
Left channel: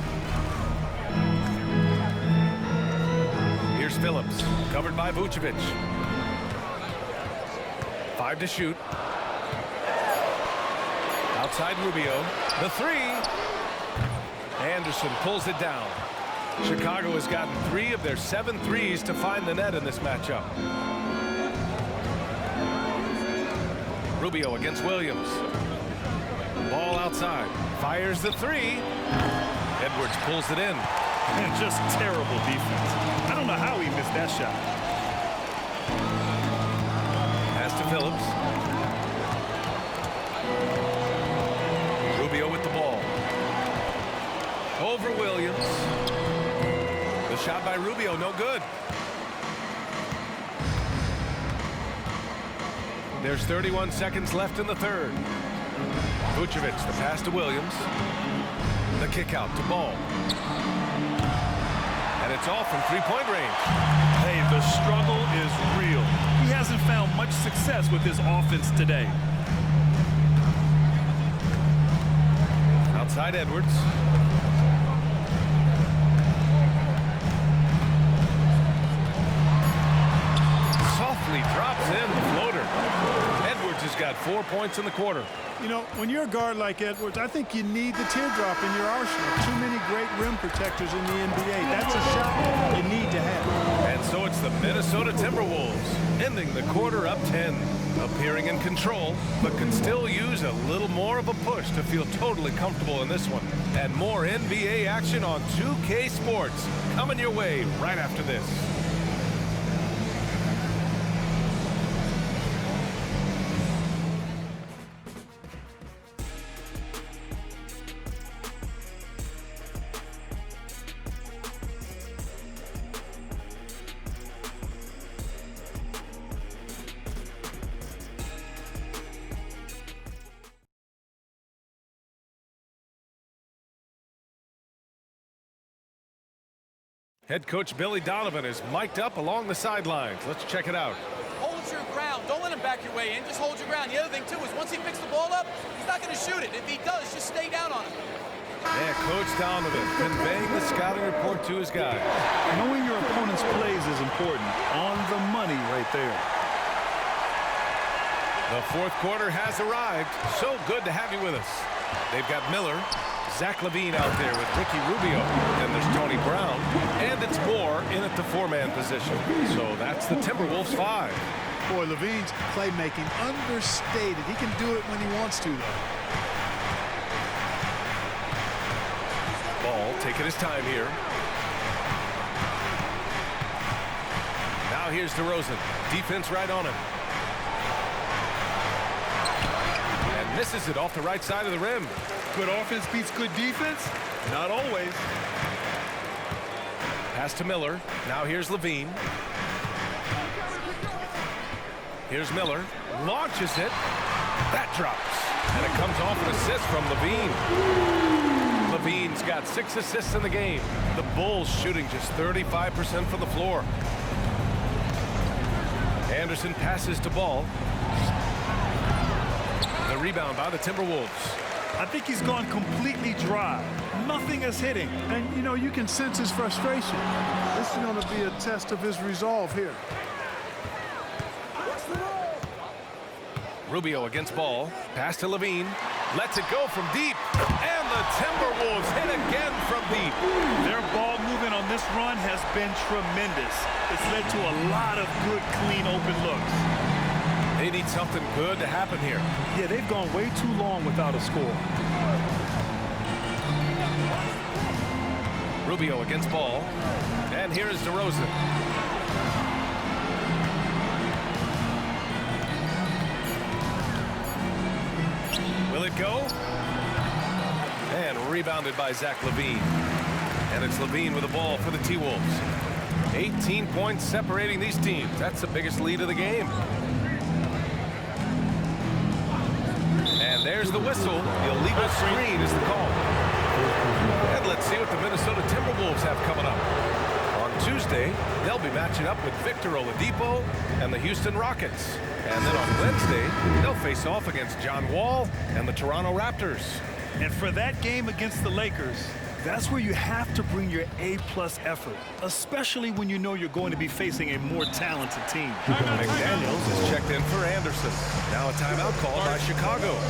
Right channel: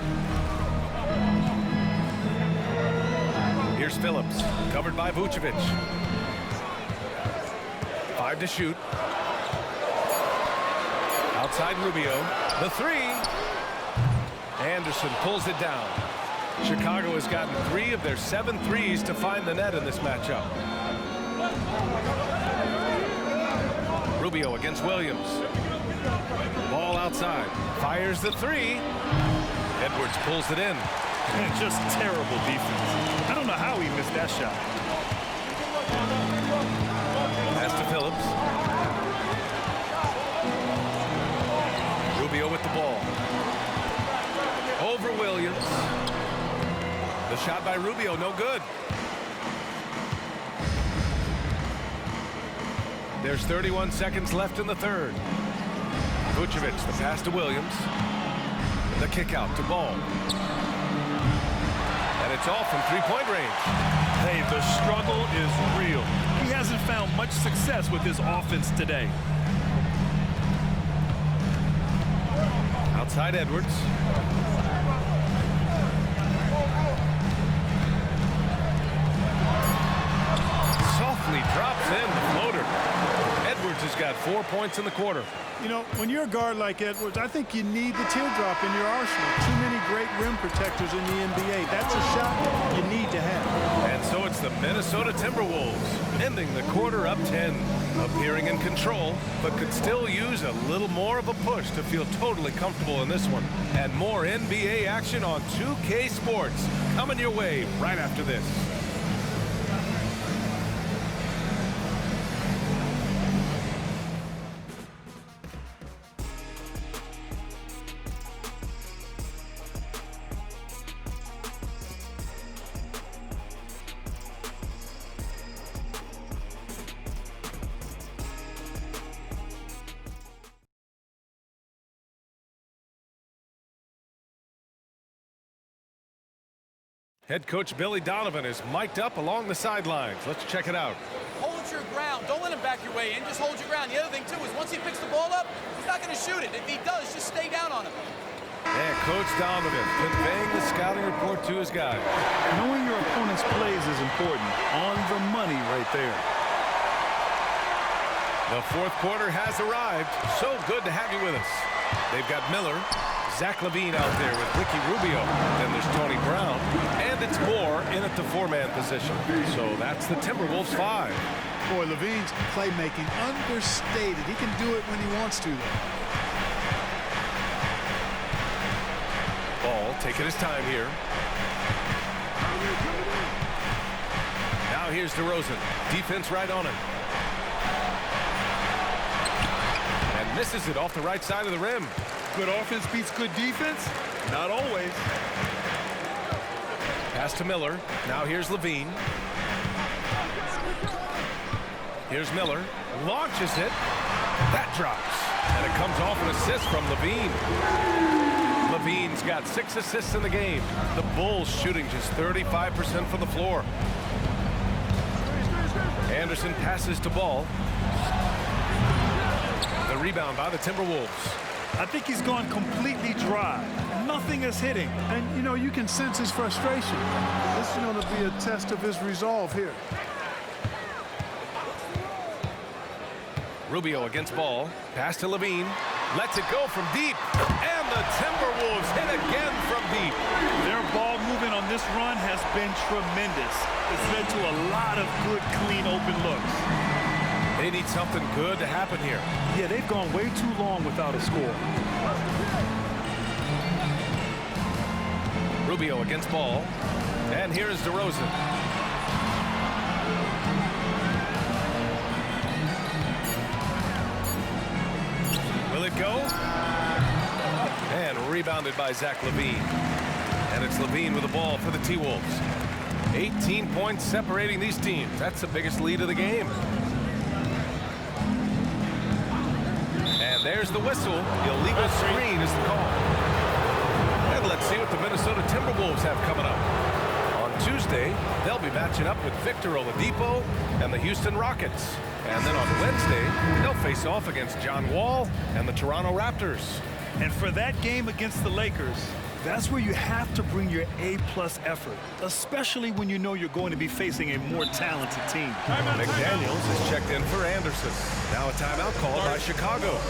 Here's Phillips, covered by Vucevic. 5 to shoot. Outside Rubio, the 3. Anderson pulls it down. Chicago has gotten 3 of their 7 threes to find the net in this matchup. Rubio against Williams. Ball outside. Fires the 3. Edwards pulls it in. And just terrible defense. I don't know how he missed that shot. Pass to Phillips. Rubio with the ball. Over Williams. The shot by Rubio, no good. There's 31 seconds left in the third. Vucevic, the pass to Williams. The kick out to Ball. And it's all from three-point range. Hey, the struggle is real. He hasn't found much success with his offense today. Outside Edwards. softly drops in the floater. Edwards has got 4 points in the quarter. You know, when you're a guard like Edwards, I think you need the teardrop in your arsenal. Too many great rim protectors in the NBA. That's a shot you need to have. And so it's the Minnesota Timberwolves, ending the quarter up 10. Appearing in control, but could still use a little more of a push to feel totally comfortable in this one. And more NBA action on 2K Sports coming your way right after this. Head coach Billy Donovan is mic'd up along the sidelines. Let's check it out. Hold your ground. Don't let him back your way in. Just hold your ground. The other thing, too, is once he picks the ball up, he's not going to shoot it. If he does, just stay down on him. Yeah, Coach Donovan conveying the scouting report to his guys. Knowing your opponent's plays is important. On the money right there. The fourth quarter has arrived. So good to have you with us. They've got Miller, Zach LaVine out there with Ricky Rubio. Then there's Tony Brown. And it's Moore in at the four-man position. So that's the Timberwolves 5. Boy, LaVine's playmaking understated. He can do it when he wants to, though. Ball taking his time here. Now here's DeRozan. Defense right on him. And misses it off the right side of the rim. Good offense beats good defense? Not always. Pass to Miller. Now here's LaVine. Here's Miller. Launches it. That drops. And it comes off an assist from LaVine. LaVine's got 6 assists in the game. The Bulls shooting just 35% from the floor. Anderson passes to Ball. The rebound by the Timberwolves. I think he's gone completely dry. Nothing is hitting. And, you know, you can sense his frustration. This is going to be a test of his resolve here. Rubio against Ball. Pass to LaVine. Lets it go from deep. And the Timberwolves hit again from deep. Their ball movement on this run has been tremendous. It's led to a lot of good, clean, open looks. They need something good to happen here. Yeah, they've gone way too long without a score. Rubio against Ball. And here is DeRozan. Will it go? And rebounded by Zach LaVine. And it's LaVine with the ball for the T-Wolves. 18 points separating these teams. That's the biggest lead of the game. And there's the whistle. Illegal screen is the call. And let's see what the Minnesota Timberwolves have coming up. On Tuesday, they'll be matching up with Victor Oladipo and the Houston Rockets. And then on Wednesday, they'll face off against John Wall and the Toronto Raptors. And for that game against the Lakers, that's where you have to bring your A-plus effort, especially when you know you're going to be facing a more talented team. McDaniels is checked in for Anderson. Now a timeout called by Chicago.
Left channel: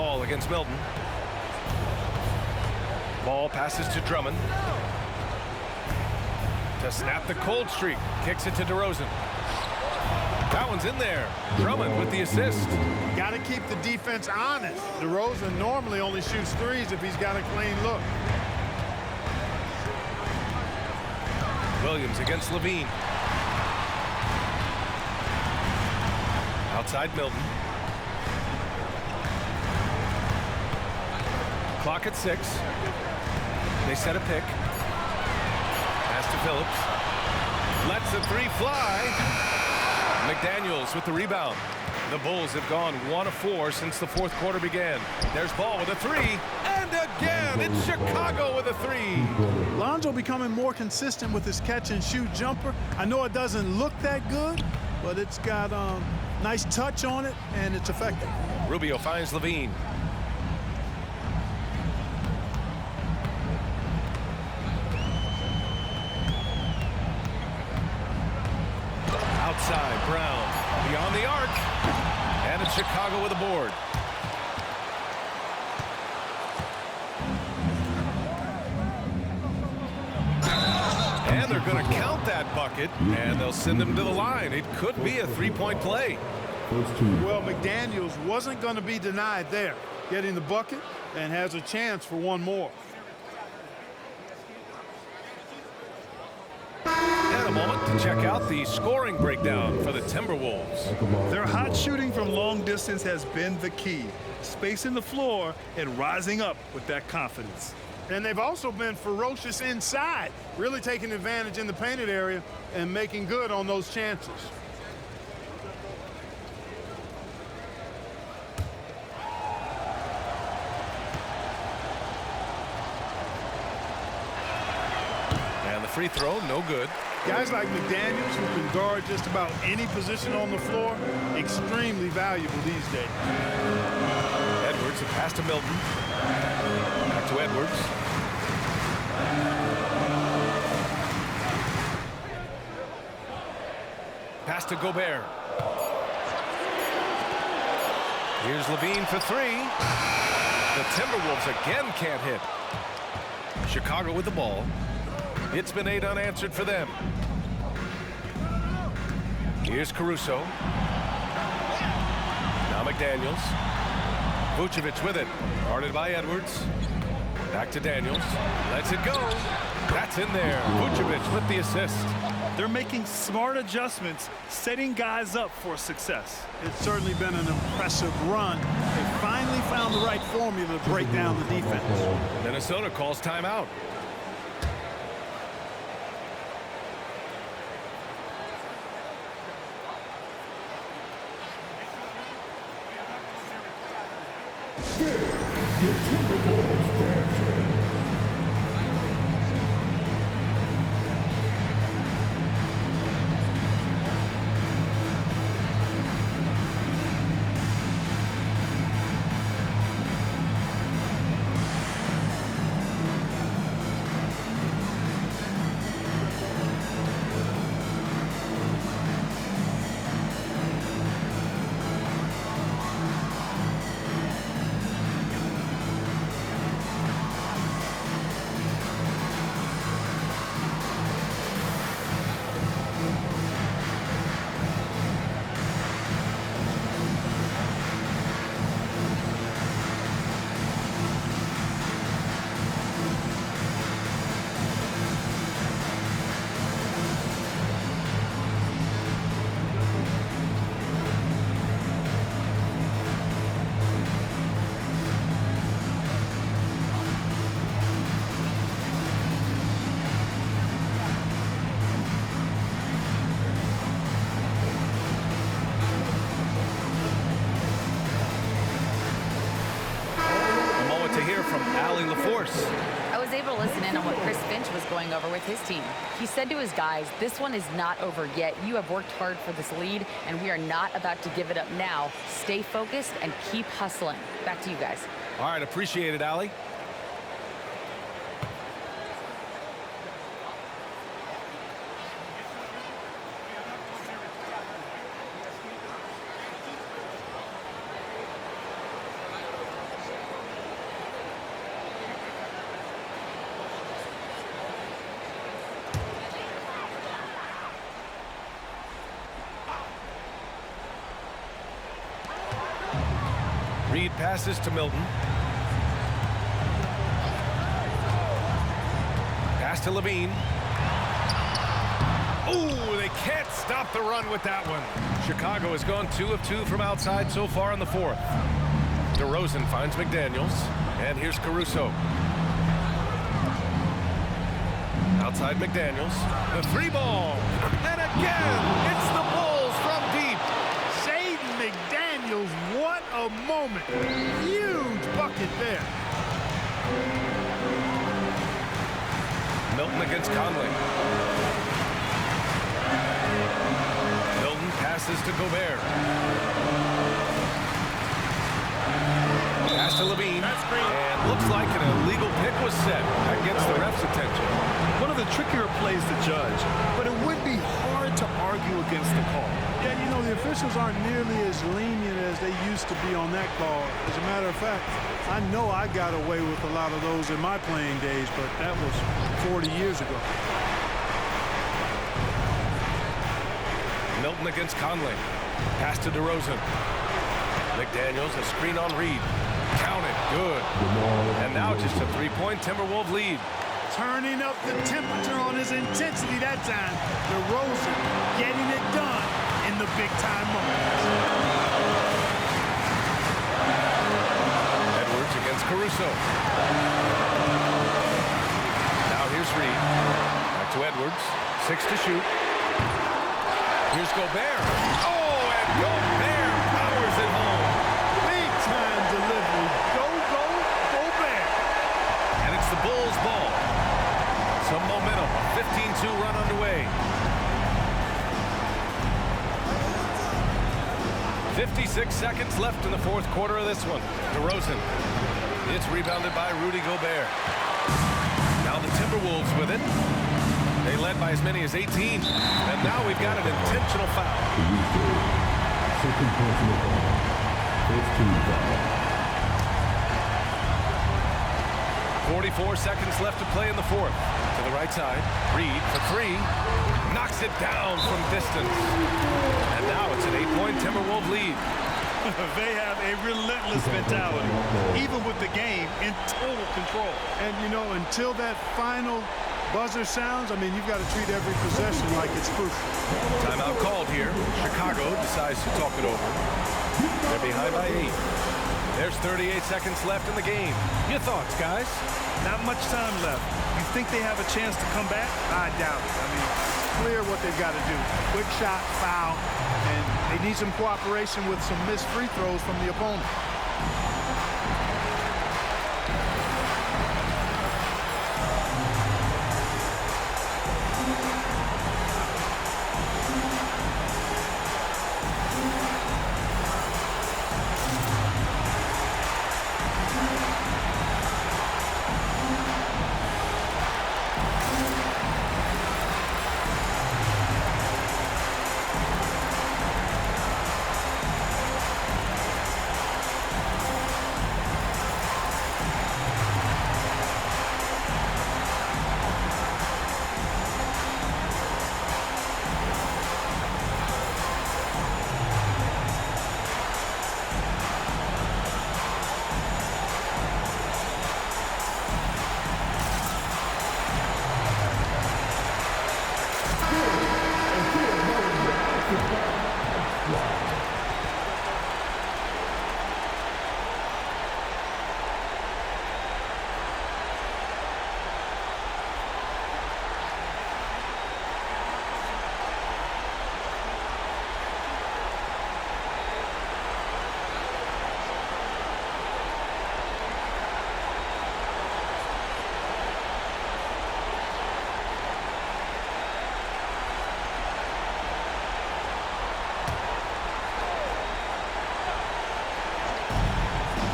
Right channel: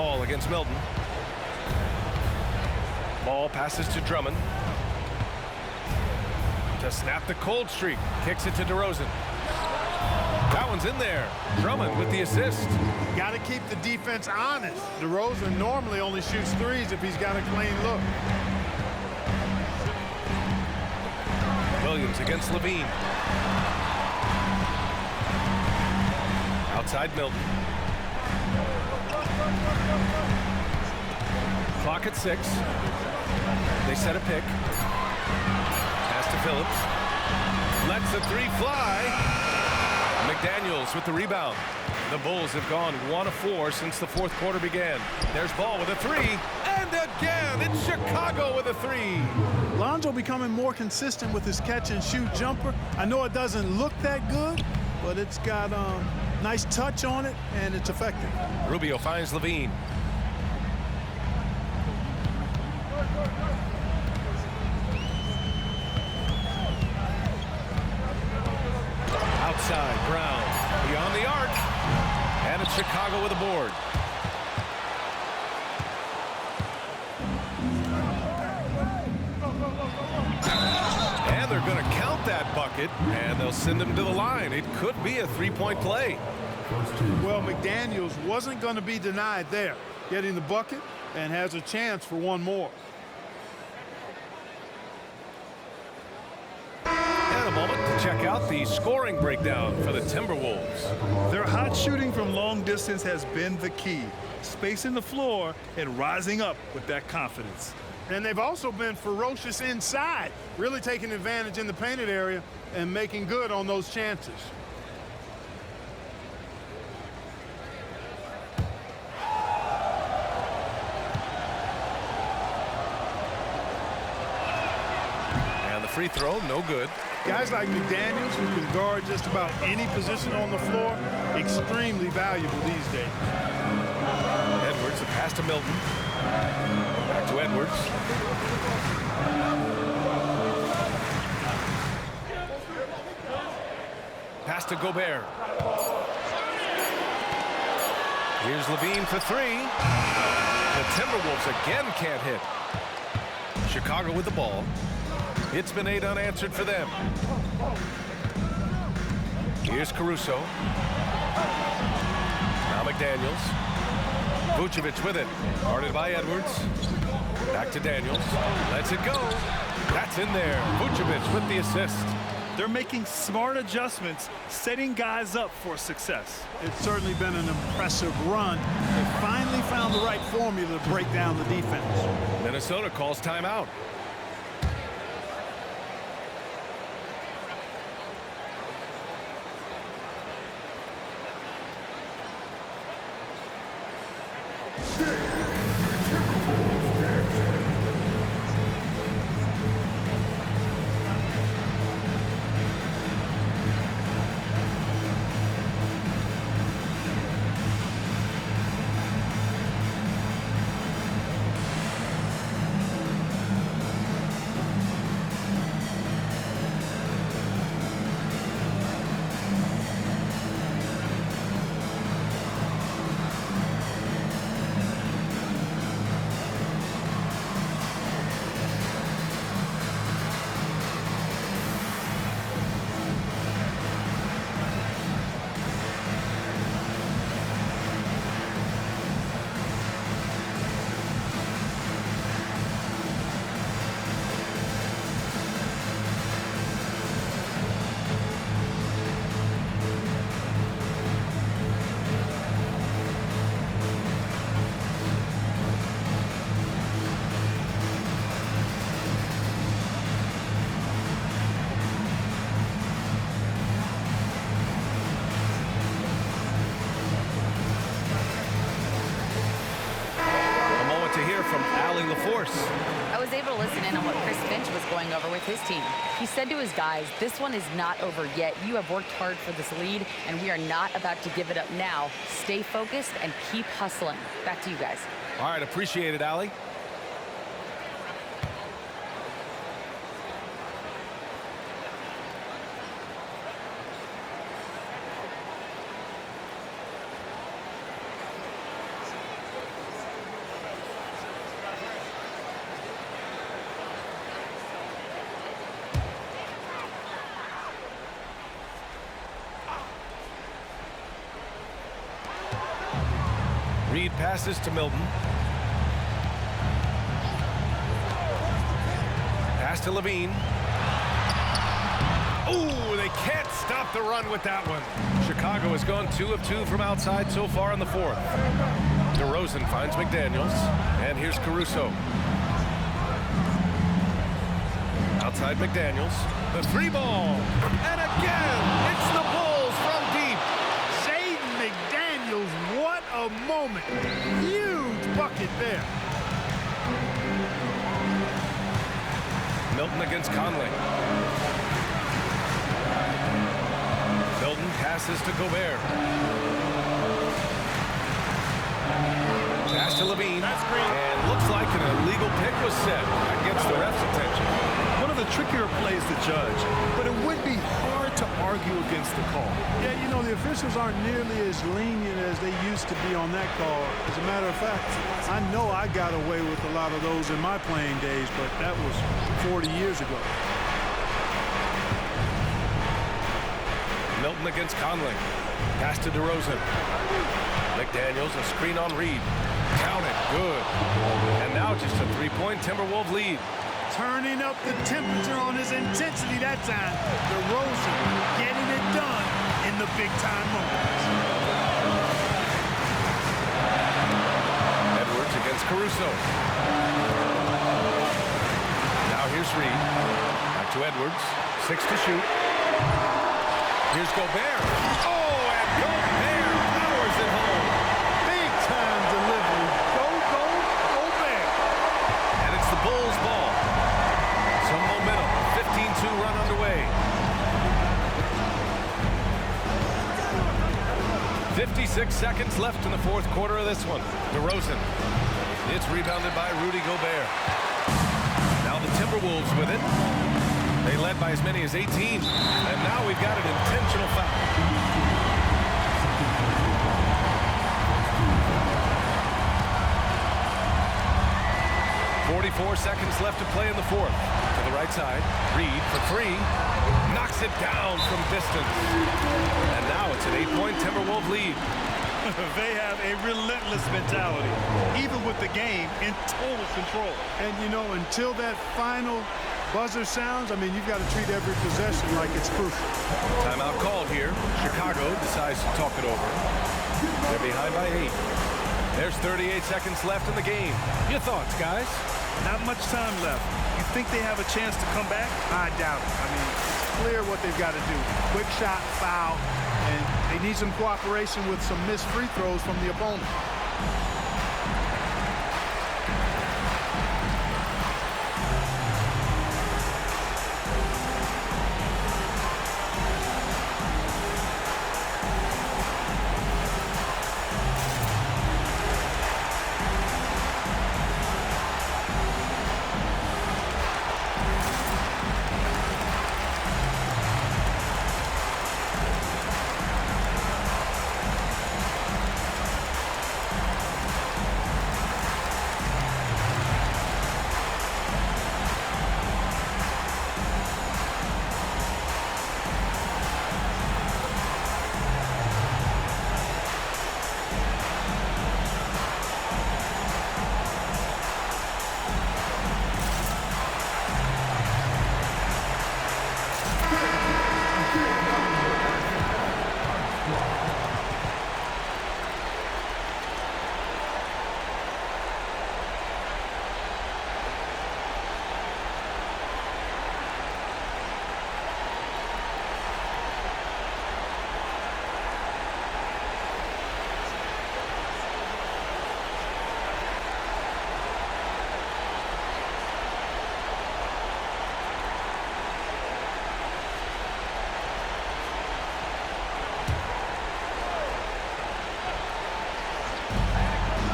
Hall against Milton. Ball passes to Drummond. To snap the cold streak. Kicks it to DeRozan. That one's in there. Drummond with the assist. Got to keep the defense honest. DeRozan normally only shoots threes if he's got a clean look. Williams against Levine. Outside Milton. Clock at 6. They set a pick. Pass to Phillips. Lets the three fly. McDaniels with the rebound. The Bulls have gone 1 of 4 since the fourth quarter began. There's Ball with a 3. And again, it's Chicago with a 3. Lonzo becoming more consistent with his catch and shoot jumper. I know it doesn't look that good, but it's got a nice touch on it, and it's effective. Rubio finds Levine. Outside, Brown. Beyond the arc. And it's Chicago with a board. And they're going to count that bucket, and they'll send him to the line. It could be a three-point play. Well, McDaniels wasn't going to be denied there. Getting the bucket and has a chance for one more. And a moment to check out the scoring breakdown for the Timberwolves. Their hot shooting from long distance has been the key. Spacing the floor and rising up with that confidence. And they've also been ferocious inside, really taking advantage in the painted area and making good on those chances. And the free throw, no good. Guys like McDaniels, who can guard just about any position on the floor, extremely valuable these days. Edwards, a pass to Milton. Back to Edwards. Pass to Gobert. Here's Levine for 3. The Timberwolves again can't hit. Chicago with the ball. It's been 8 unanswered for them. Here's Caruso. Now McDaniels. Vucevic with it. Guarded by Edwards. Back to Daniels. Lets it go. That's in there. Vucevic with the assist. They're making smart adjustments, setting guys up for success. It's certainly been an impressive run. They finally found the right formula to break down the defense. Minnesota calls timeout. To hear from Allie LaForce. I was able to listen in on what Chris Finch was going over with his team. He said to his guys, this one is not over yet. You have worked hard for this lead, and we are not about to give it up now. Stay focused and keep hustling. Back to you guys. All right, appreciate it, Allie. Reed passes to Milton. Pass to Levine. Oh, they can't stop the run with that one. Chicago has gone 2 of 2 from outside so far in the fourth. DeRozan finds McDaniels, and here's Caruso. Outside McDaniels, the 3-ball, and again, it's the Bulls from deep. Jaden McDaniels, what a moment. Huge bucket there. Milton against Conley. Milton passes to Gobert. Pass to Levine. And looks like an illegal pick was set. That gets the ref's attention. One of the trickier plays to judge, but it would be hard to argue against the call. Yeah, you know, the officials aren't nearly as lenient as they used to be on that call. As a matter of fact, I know I got away with a lot of those in my playing days, but that was 40 years ago. Milton against Conley. Pass to DeRozan. McDaniels, a screen on Reed. Count it, good. And now just a 3-point Timberwolves lead. Turning up the temperature on his intensity that time. DeRozan getting it done in the big-time moments. Edwards against Caruso. Now here's Reed. Back to Edwards. 6 to shoot. Here's Gobert. Oh, and Gobert powers it home. Big-time delivery. Gobert. And it's the Bulls' ball. Some momentum. A 15-2 run underway. 56 seconds left in the fourth quarter of this one. DeRozan. It's rebounded by Rudy Gobert. Now the Timberwolves with it. They led by as many as 18. And now we've got an intentional foul. 44 seconds left to play in the fourth. To the right side. Reed for 3. Knocks it down from distance. And now it's an 8-point Timberwolves lead. They have a relentless mentality, even with the game in total control. And, you know, until that final buzzer sounds, I mean, you've got to treat every possession like it's crucial. Timeout called here. Chicago decides to talk it over. They're behind by 8. There's 38 seconds left in the game. Your thoughts, guys? Not much time left. You think they have a chance to come back? I doubt it. I mean, it's clear what they've got to do. Quick shot, foul, and they need some cooperation with some missed free throws from the opponent.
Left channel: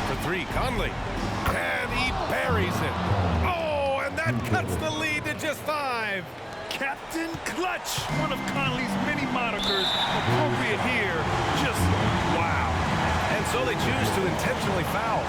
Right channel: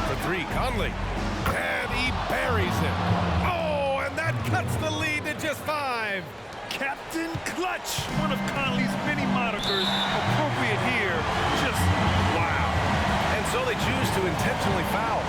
For 3, Conley. And he buries it. Oh, and that cuts the lead to just 5. Captain Clutch, one of Conley's many monikers, appropriate here. Just wow. And so they choose to intentionally foul.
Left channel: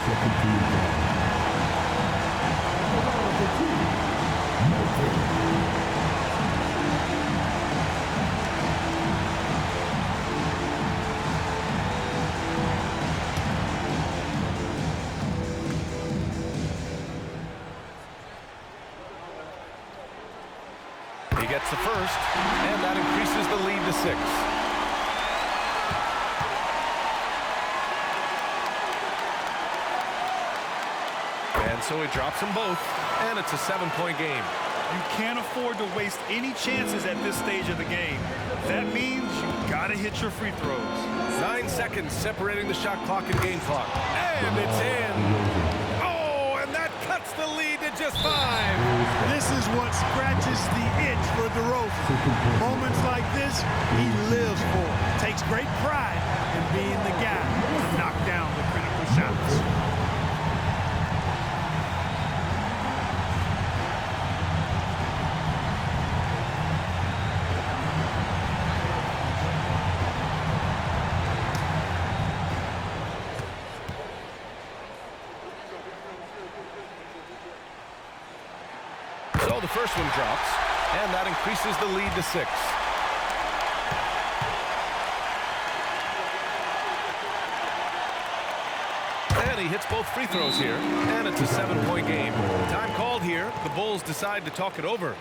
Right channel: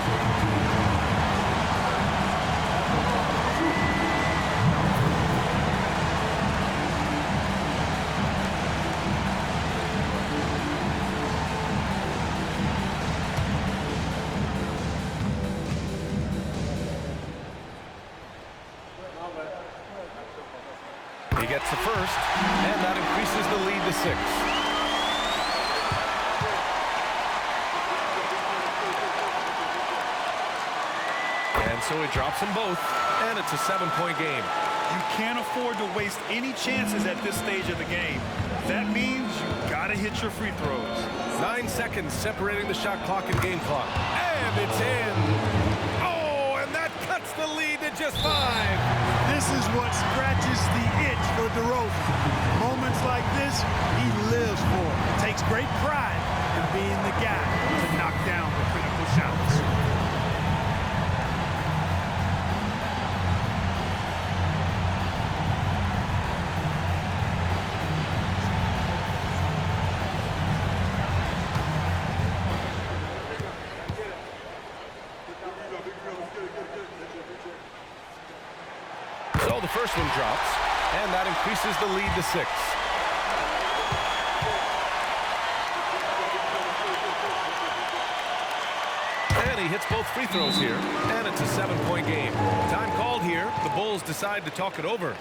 He gets the first, and that increases the lead to 6. And so he drops them both, and it's a 7-point game. You can't afford to waste any chances at this stage of the game. That means you gotta hit your free throws. 9 seconds separating the shot clock and game clock. And it's in. Oh, and that cuts the lead to just 5. This is what scratches the itch for DeRozan. Moments like this, he lives for. Takes great pride in being the guy to knock down the critical shots. So the first one drops, and that increases the lead to 6. And he hits both free throws here, and it's a 7-point game. Time called here. The Bulls decide to talk it over.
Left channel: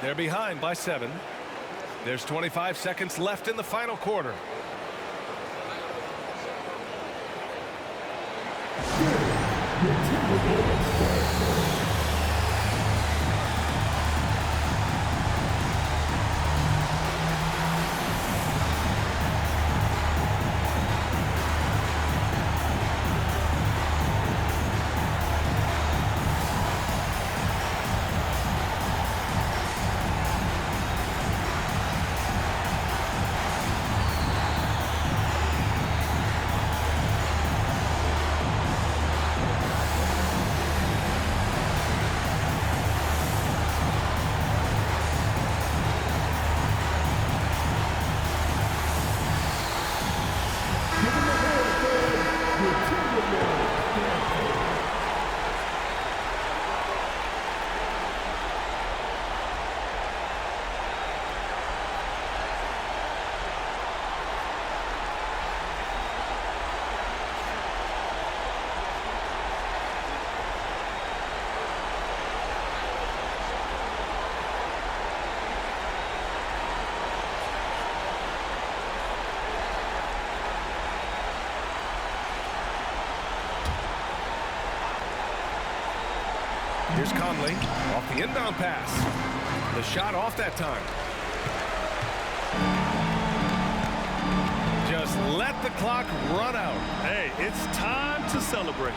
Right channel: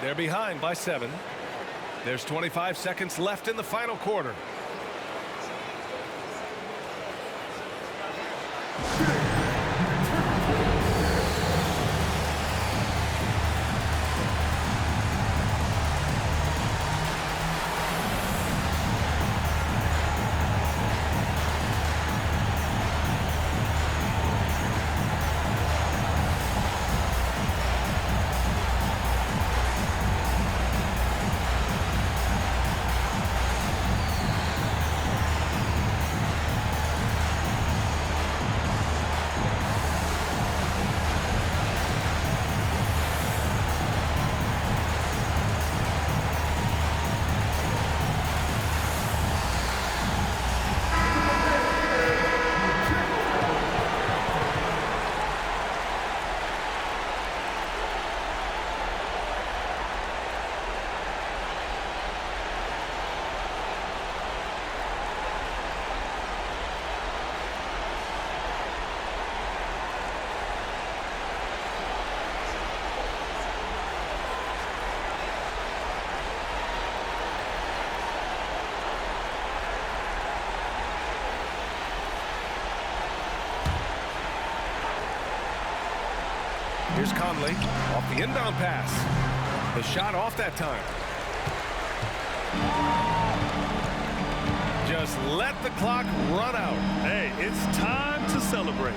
They're behind by 7. There's 25 seconds left in the final quarter. Here's Conley off the inbound pass. The shot off that time. Just let the clock run out. Hey, it's time to celebrate.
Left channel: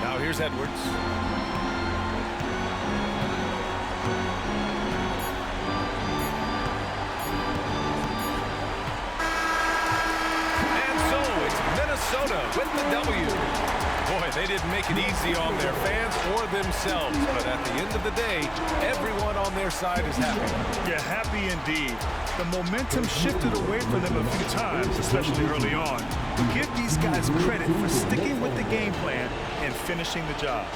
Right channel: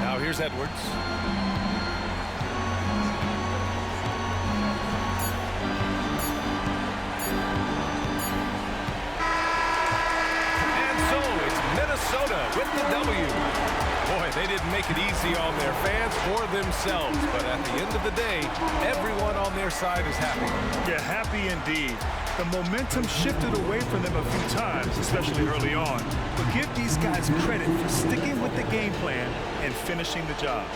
Now here's Edwards. And so it's Minnesota with the W. Boy, they didn't make it easy on their fans or themselves, but at the end of the day, everyone on their side is happy. Yeah, happy indeed. The momentum shifted away from them a few times, especially early on. But give these guys credit for sticking with the game plan and finishing the job.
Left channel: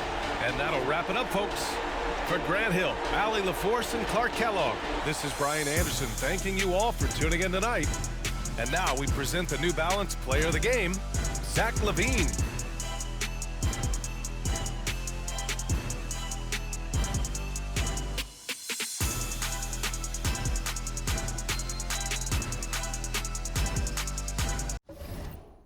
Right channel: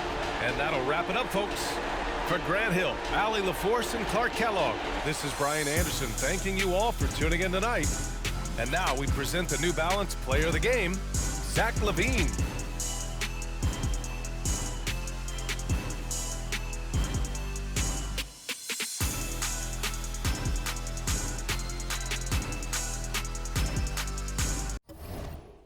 And that'll wrap it up, folks. For Grant Hill, Allie LaForce, and Clark Kellogg, this is Brian Anderson thanking you all for tuning in tonight. And now we present the New Balance Player of the Game, Zach LaVine.